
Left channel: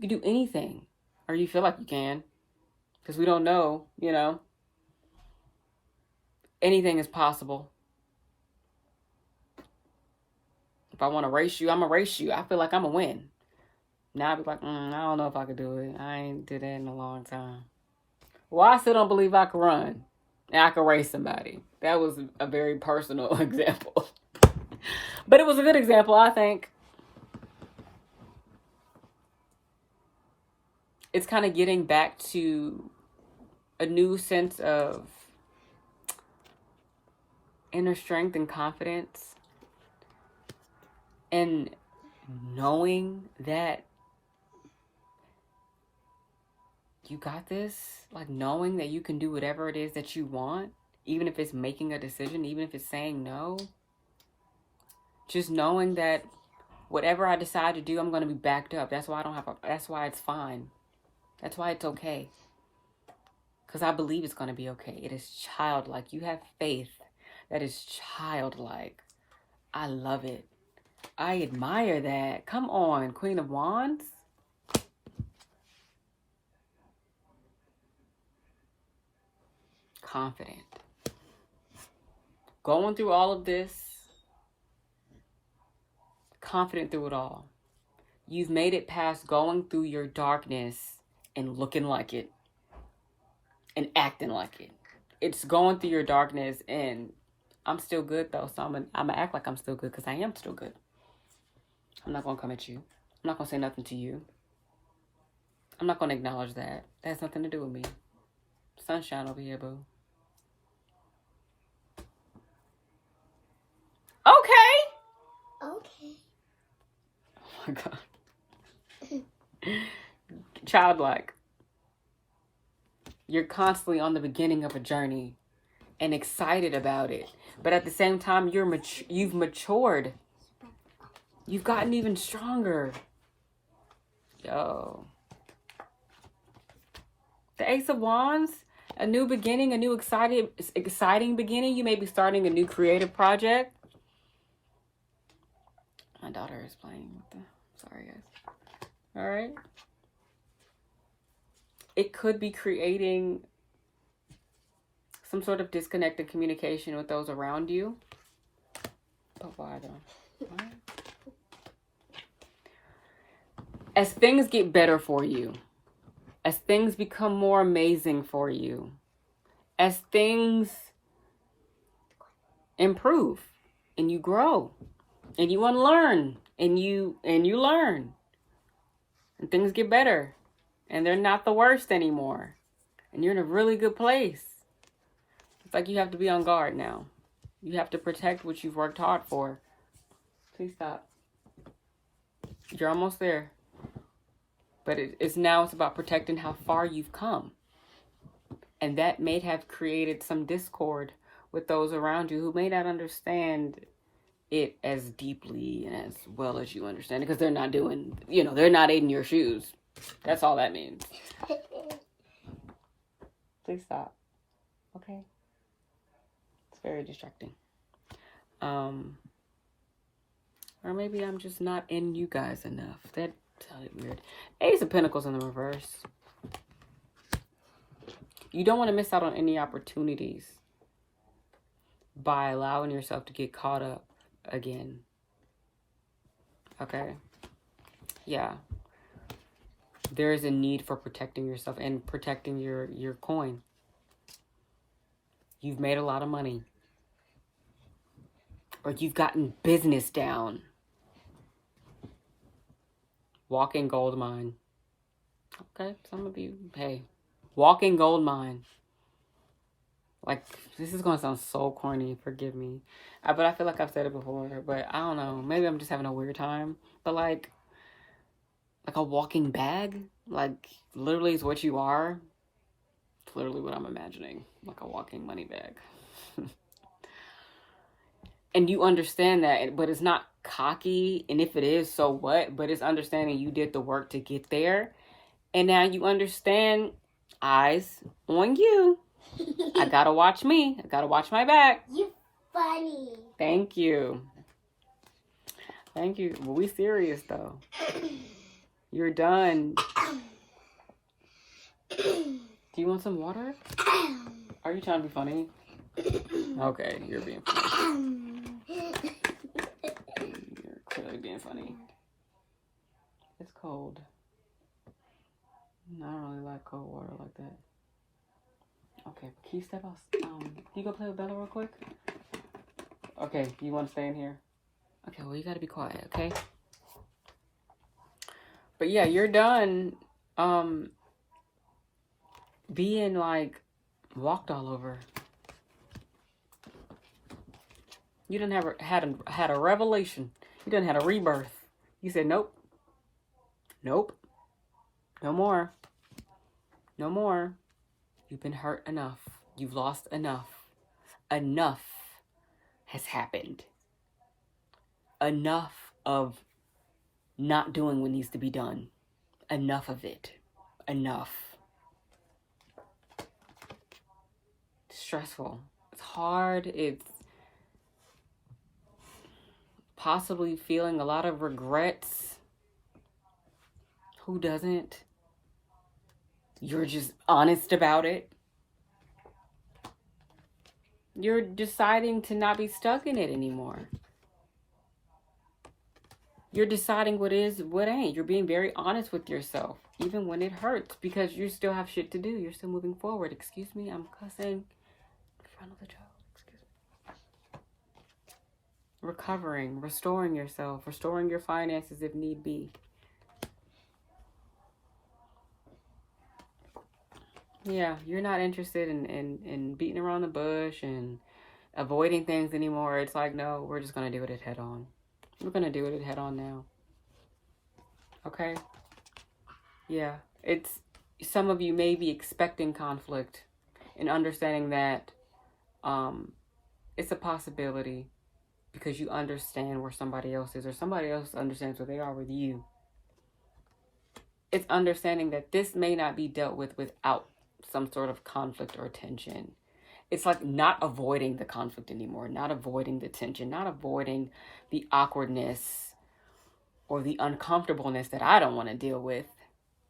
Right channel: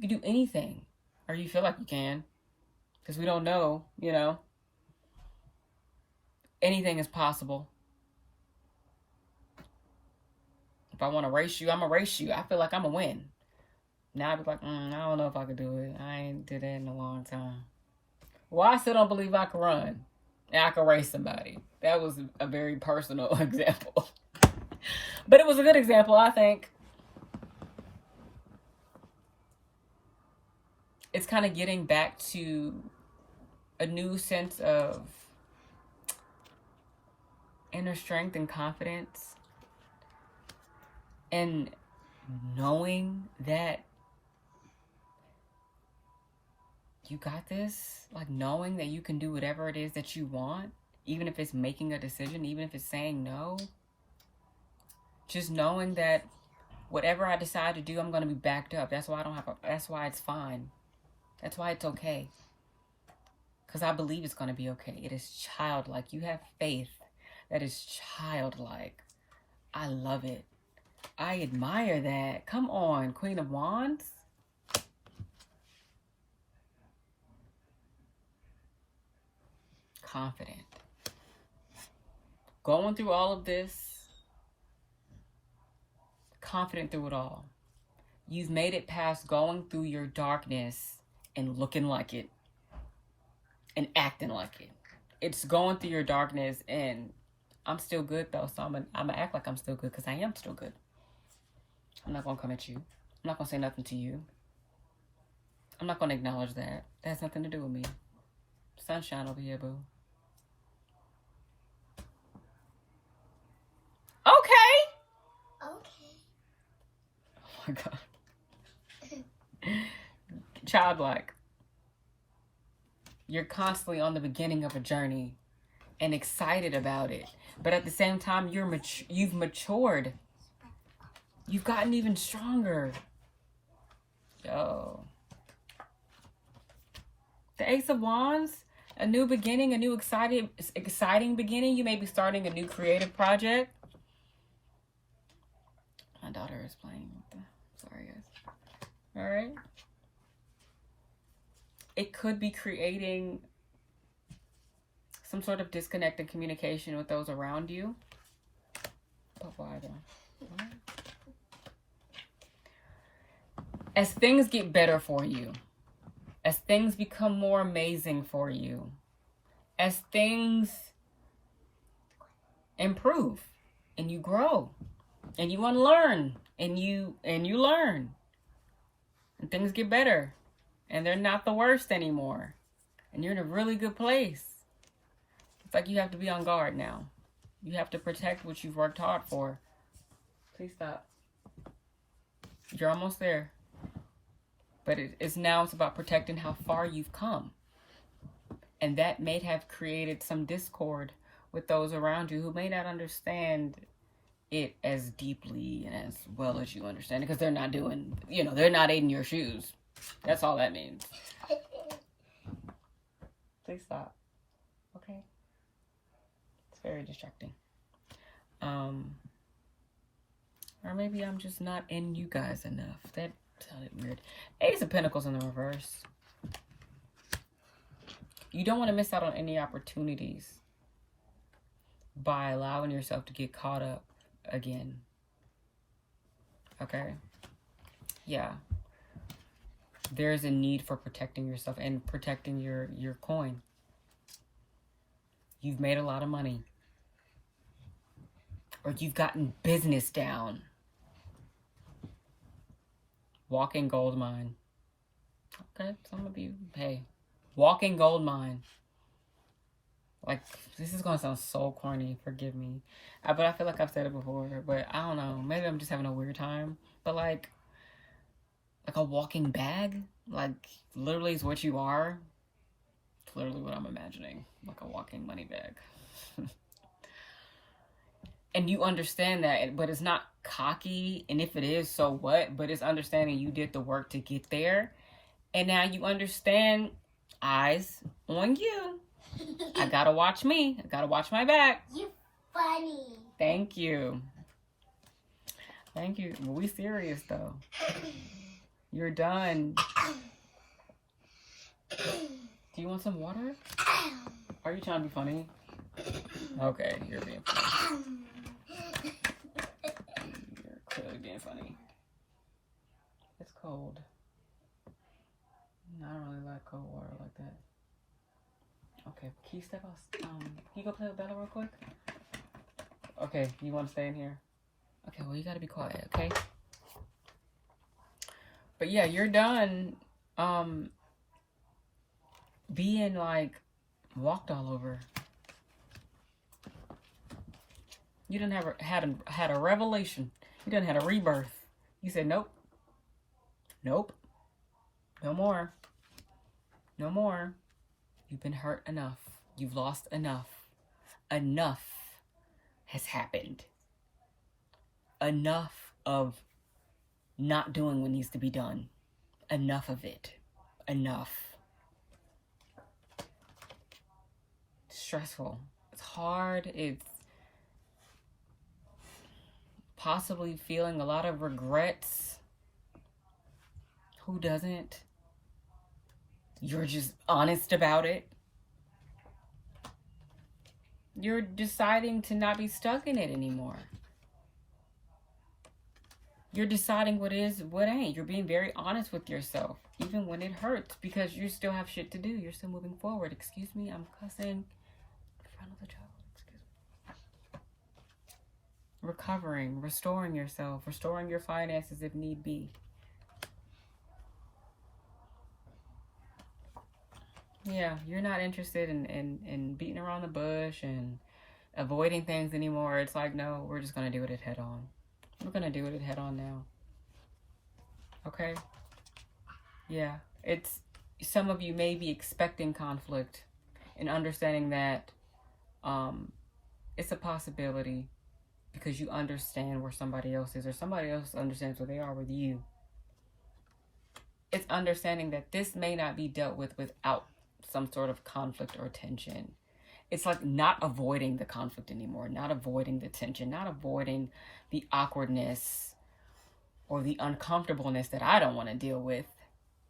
You can do anything. Or you feel like you can. Because we don't know, Anything is possible. If I want to race you, I'm going to race you. I feel like I'm going to win. Now I'd be like, I don't know if I could do it. I ain't did that in a long time. Well, I still don't believe I could run. And I could race somebody. That was a very personal example. But it was a good example, I think. It's kind of getting back to a new sense of inner strength and confidence. And knowing that you got this, like knowing that you can do whatever it is that you want, even if it's making a decision, even if it's saying no. Just knowing that whatever I decide to do, I'm going to be backed up. That's why that's why it's fine. That's why it's okay. Because I believe it's going to be okay. It is childlike. You have faith that is childlike. I love it. I admire that. Come on, Queen of Wands. Confident. Going through all of this. Confident through it all. You've made it past going through your darkness and looking like it. And acting like it. It's going through your darkness, and I'm still good though, so I'm gonna act like I'm still good because I am still good. I'm not gonna come at you. I'm not gonna say nothing to you. I'm not gonna acknowledge that. That has nothing to do with me. Sunshine over here, boo. Okay. Okay. Oh my God. Childlike. You're constantly on the beginning of a journey and excited about it. But at the same time, you've matured. You've gotten even stronger. Yo. The Ace of Wands, a new beginning, a new exciting beginning. You may be starting a new creative project. My daughter is playing with the... Sorry, guys. All right. It could be creating some sort of disconnected communication with those around you. But why though? What? As things get better for you, as things become more amazing for you, as things improve and you grow and you unlearn and you learn and things get better and they're not the worst anymore and you're in a really good place. It's like you have to be on guard now. You have to protect what you've worked hard for. Please stop. You're almost there. But it's about protecting how far you've come. And that may have created some discord with those around you who may not understand it as deeply and as well as you understand it. Because they're not doing, they're not in your shoes. That's all that means. Please stop. Okay? It's very distracting. Or maybe I'm just not in you guys enough. That sounded weird. Ace of Pentacles in the reverse. You don't want to miss out on any opportunities by allowing yourself to get caught up again. Okay? Yeah. There is a need for protecting yourself and protecting your coin. You've made a lot of money. Or you've gotten business down. Walking gold mine. Okay, some of you, hey. Walking gold mine. Like, this is going to sound so corny, forgive me. But I feel like I've said it before, but I don't know. Maybe I'm just having a weird time. But like a walking bag, like literally is what you are. It's literally what I'm imagining. Like a walking money bag. And you understand that, but it's not cocky. And if it is, so what? But it's understanding you did the work to get there. And now you understand, eyes on you. I gotta watch me. I gotta watch my back. You're funny. Thank you. Thank you. Well, we serious though. You're done. Do you want some water? Are you trying to be funny? Okay, you're being funny. You're clearly being funny. It's cold. I don't really like cold water like that. Okay, can you step out? Can you go play with Bella real quick? Okay, you want to stay in here? Okay, well, you gotta be quiet, okay? But yeah, you're done being like walked all over. You done had a revelation. You done had a rebirth. You said, nope. Nope. No more. No more. You've been hurt enough. You've lost enough. Enough has happened. Enough of not doing what needs to be done. Enough of it. Enough. It's stressful. It's hard. It's possibly feeling a lot of regrets. Who doesn't? You're just honest about it. You're deciding to not be stuck in it anymore. You're deciding what is, what ain't. You're being very honest with yourself, even when it hurts, because you still have shit to do. You're still moving forward. Excuse me, I'm cussing in front of the child. Excuse me. Recovering, restoring yourself, restoring your finances if need be. Yeah, you're not interested in beating around the bush and avoiding things anymore. It's like, no, we're just going to do it head on. We're going to do it head on now. Okay? Yeah. It's, some of you may be expecting conflict and understanding that it's a possibility because you understand where somebody else is, or somebody else understands where they are with you. It's understanding that this may not be dealt with without some sort of conflict or tension. It's like not avoiding the conflict anymore, not avoiding the tension, not avoiding the awkwardness or the uncomfortableness that I don't want to deal with,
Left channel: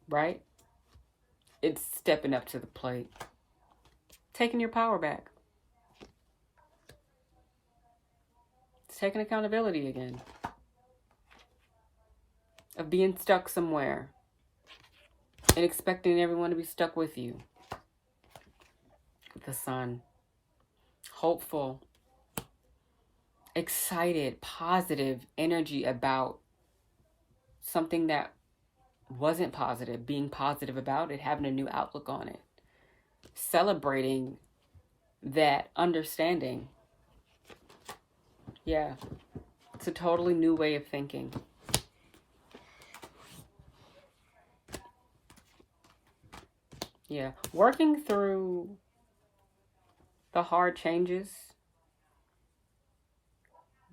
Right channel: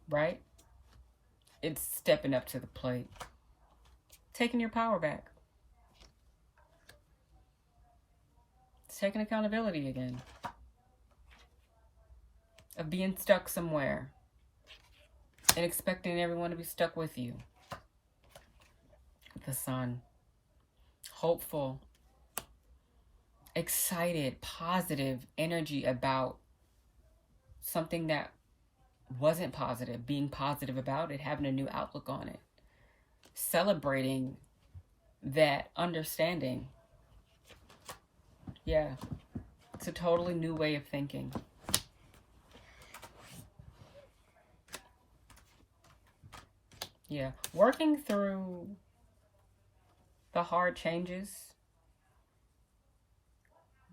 right? It's stepping up to the plate, taking your power back. It's taking accountability again of being stuck somewhere and expecting everyone to be stuck with you. The sun. Hopeful, excited, positive energy about something that wasn't positive, being positive about it, having a new outlook on it, celebrating that understanding. Yeah, it's a totally new way of thinking. Yeah, working through the hard changes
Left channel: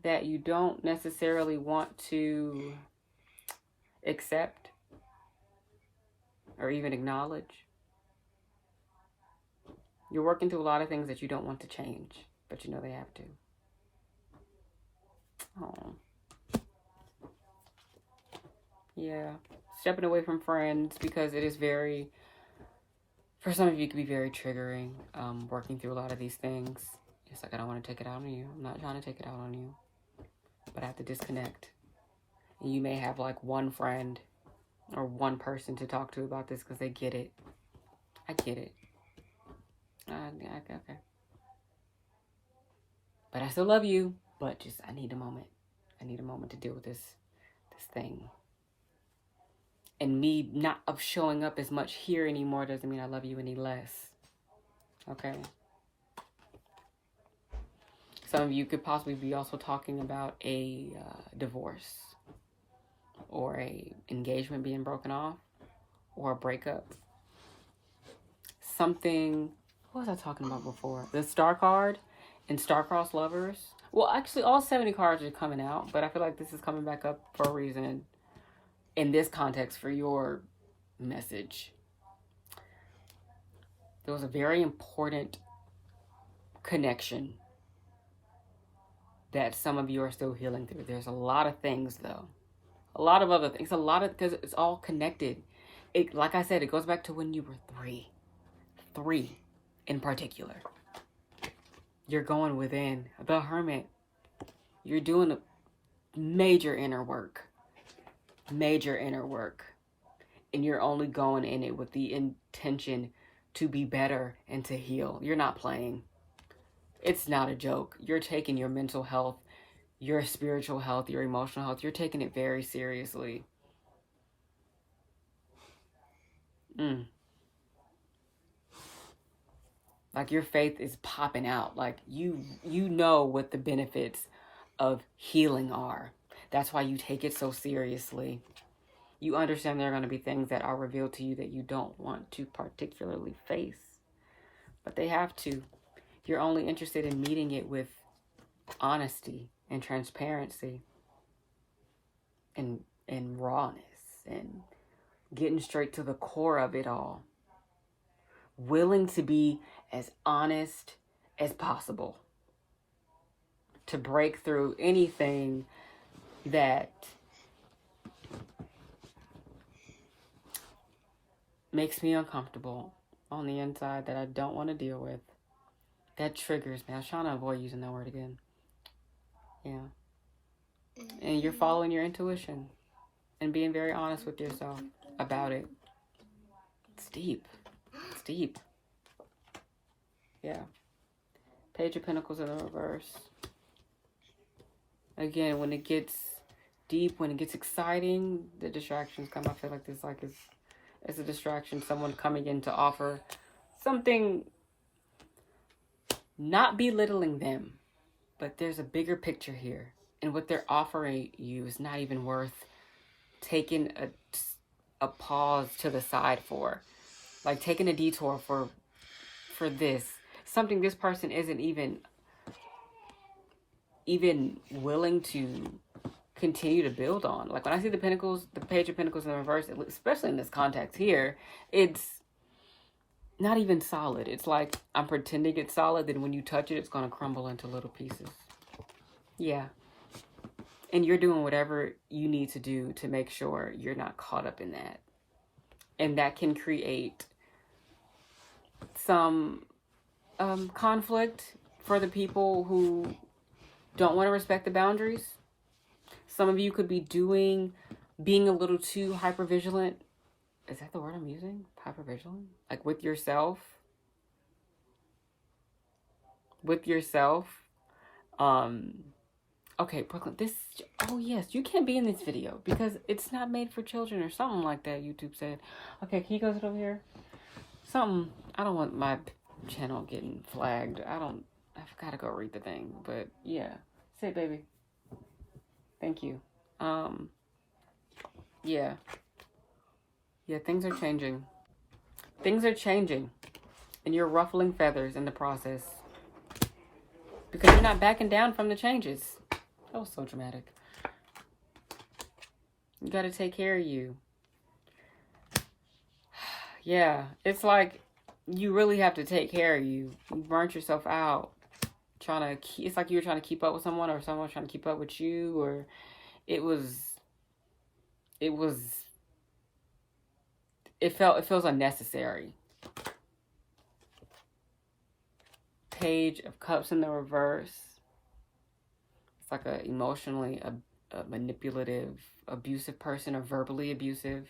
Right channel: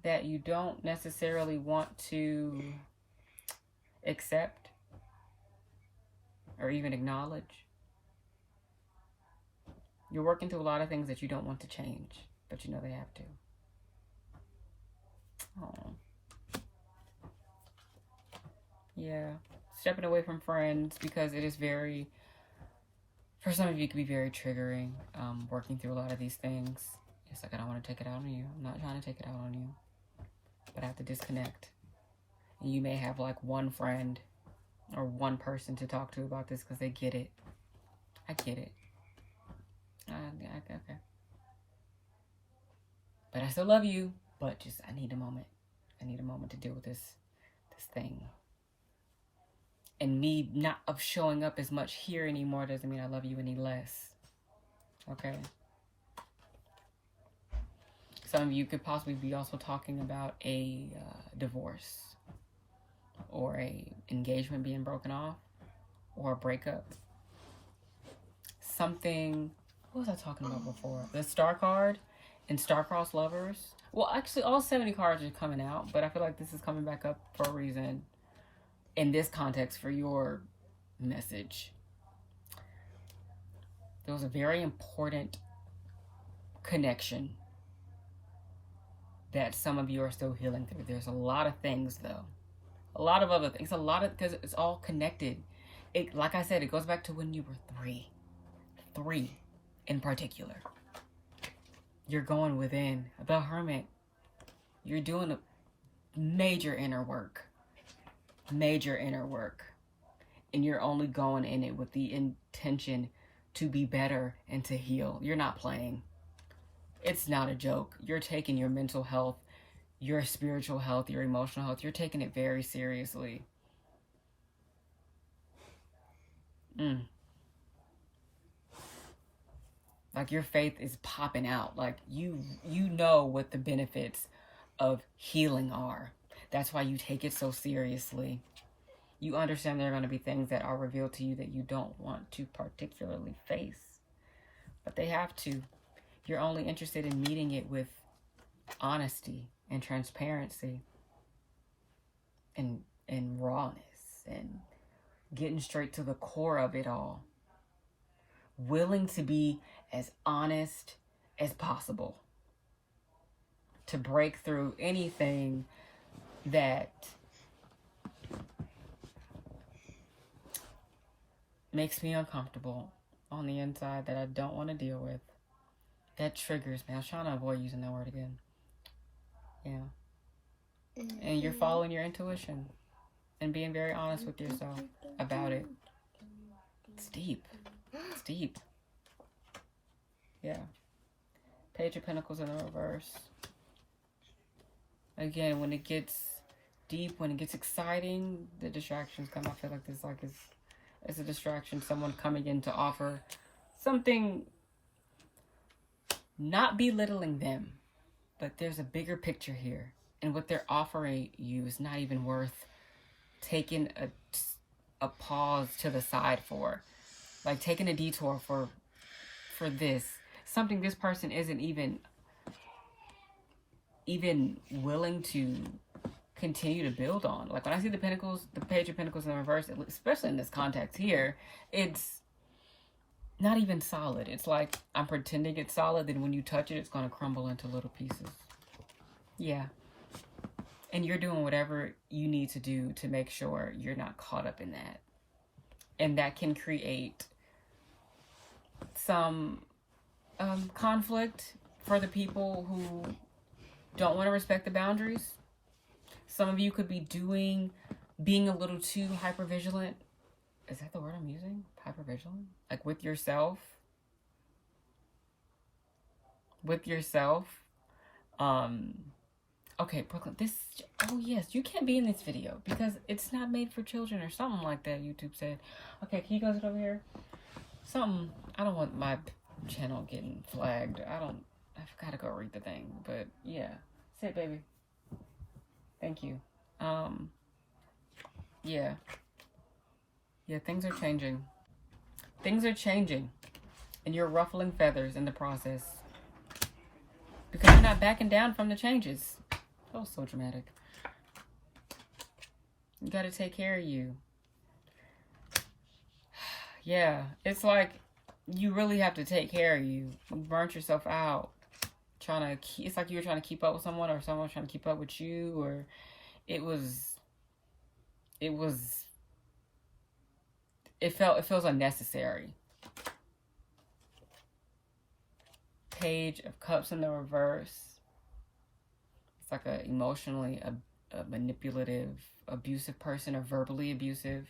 that you don't necessarily want to accept or even acknowledge. You're working through a lot of things that you don't want to change, but you know they have to. Oh. Yeah. Stepping away from friends because it is very, for some of you, it can be very triggering, working through a lot of these things. It's like, I don't want to take it out on you. I'm not trying to take it out on you. But I have to disconnect. And you may have like one friend or one person to talk to about this because they get it. I get it. Yeah, okay. But I still love you. But just, I need a moment. I need a moment to deal with this thing. And me not of showing up as much here anymore doesn't mean I love you any less. Okay? Some of you could possibly be also talking about a divorce or a engagement being broken off or a breakup. Something, what was I talking about before? The Star card and Star-Crossed Lovers. Well, actually, all 70 cards are coming out, but I feel like this is coming back up for a reason in this context for your message. There was a very important connection that some of you are still healing through. There's a lot of things, though. A lot of other things. A lot of, because it's all connected. It, like I said, it goes back to when you were 3. 3 in particular. You're going within. The Hermit. You're doing a major inner work. Major inner work. And you're only going in it with the intention to be better and to heal. You're not playing. It's not a joke. You're taking your mental health, your spiritual health, your emotional health. You're taking it very seriously. Like your faith is popping out. Like you know what the benefits of healing are. That's why you take it so seriously. You understand there are going to be things that are revealed to you that you don't want to particularly face. But they have to. You're only interested in meeting it with honesty and transparency and rawness and getting straight to the core of it all. Willing to be as honest as possible. To break through anything that makes me uncomfortable on the inside that I don't want to deal with. That triggers me. I was trying to avoid using that word again. Yeah. And you're following your intuition and being very honest with yourself about it. It's deep. It's deep. Yeah. Page of Pentacles in the reverse. Again, when it gets deep, when it gets exciting, the distractions come. I feel like this it's a distraction. Someone coming in to offer something, not belittling them, but there's a bigger picture here. And what they're offering you is not even worth taking a pause to the side for. Like taking a detour for this. Something this person isn't even willing to continue to build on. Like when I see the Pentacles, the Page of Pentacles in reverse, especially in this context here, it's not even solid. It's like I'm pretending it's solid, then when you touch it, it's going to crumble into little pieces. Yeah. And you're doing whatever you need to do to make sure you're not caught up in that. And that can create some conflict for the people who don't want to respect the boundaries. Some of you could be being a little too hypervigilant. Is that the word I'm using? Hypervigilant? Like with yourself. Okay, Brooklyn, oh yes, you can't be in this video because it's not made for children or something like that, YouTube said. Okay, can you go over here? I don't want my channel getting flagged. I've got to go read the thing, but yeah. Sit, baby. Thank you. Yeah. Yeah, things are changing. Things are changing. And you're ruffling feathers in the process. Because you're not backing down from the changes. That was so dramatic. You got to take care of you. Yeah, it's like you really have to take care of you. You burnt yourself out. It's like you were trying to keep up with someone, or someone trying to keep up with you, or it feels unnecessary. Page of Cups in the reverse. It's like a emotionally a manipulative, abusive person, or verbally abusive.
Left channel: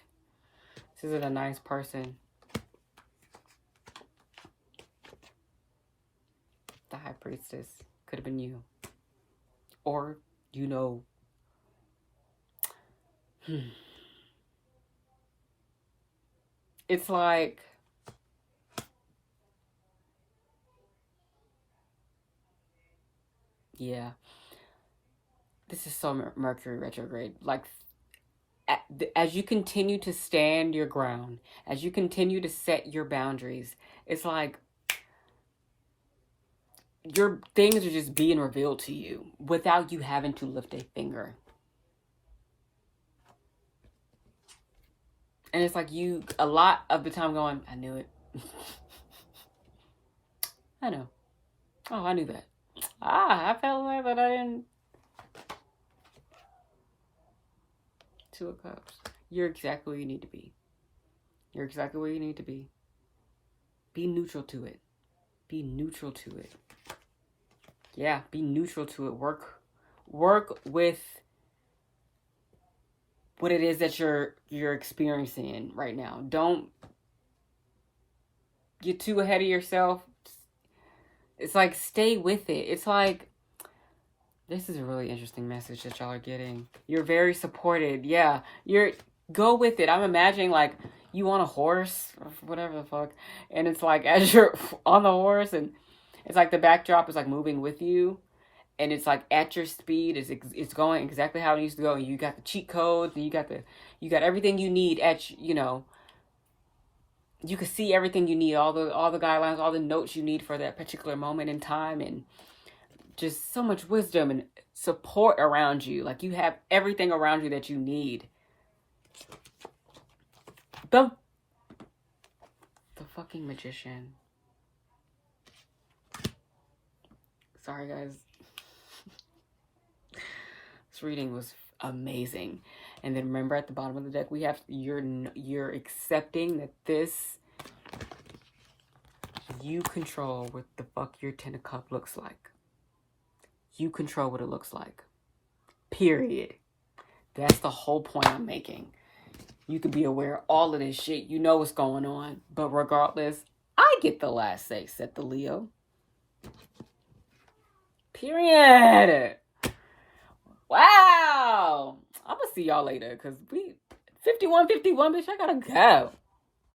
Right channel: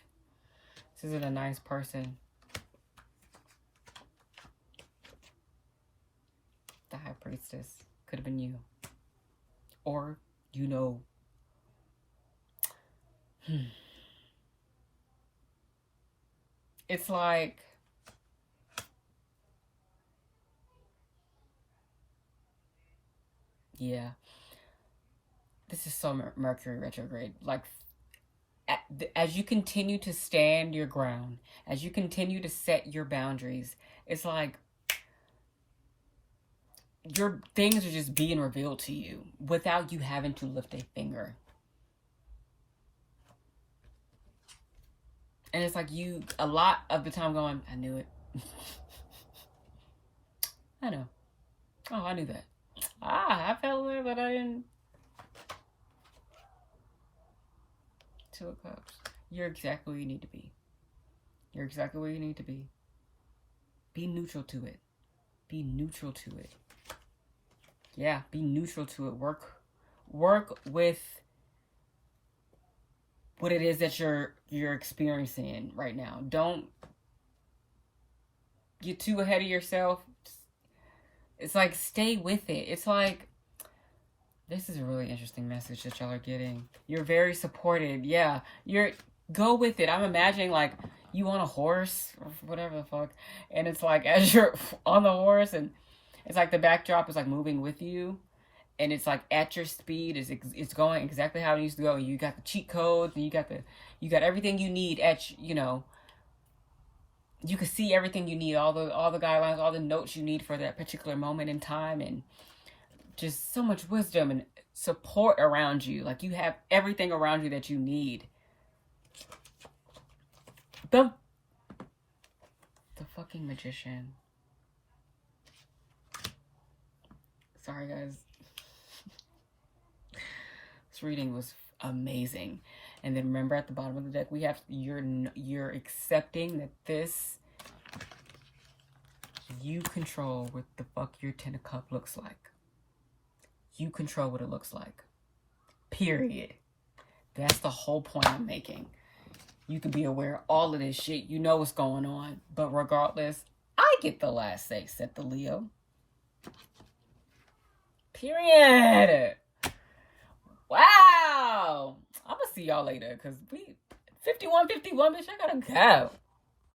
This isn't a nice person. The High Priestess could have been you. Or, it's like, yeah, this is so Mercury retrograde. Like, as you continue to stand your ground, as you continue to set your boundaries, it's like your things are just being revealed to you without you having to lift a finger. And it's like you, a lot of the time going, I knew it. I know. Oh, I knew that. I felt that, but I didn't. Two of Cups. You're exactly where you need to be. You're exactly where you need to be. Be neutral to it. Be neutral to it. Yeah, be neutral to it. Work with what it is that you're experiencing right now. Don't get too ahead of yourself. It's like, stay with it. It's like, this is a really interesting message that y'all are getting. You're very supported. Yeah, go with it. I'm imagining like you on a horse or whatever the fuck, and it's like as you're on the horse, and it's like the backdrop is like moving with you, and it's like at your speed. It's going exactly how it needs to go, and you got the cheat codes, and you got everything you need at you can see everything you need, all the guidelines, all the notes you need for that particular moment in time, and just so much wisdom and support around you. Like you have everything around you that you need. The fucking Magician. Sorry, guys. This reading was amazing. And then remember at the bottom of the deck, we have you're accepting that this, you control what the fuck your Ten of Cups looks like. You control what it looks like. Period. That's the whole point I'm making. You can be aware of all of this shit. You know what's going on. But regardless, I get the last say, said the Leo. Period. Wow. I'm going to see y'all later because we 51, bitch, I gotta go.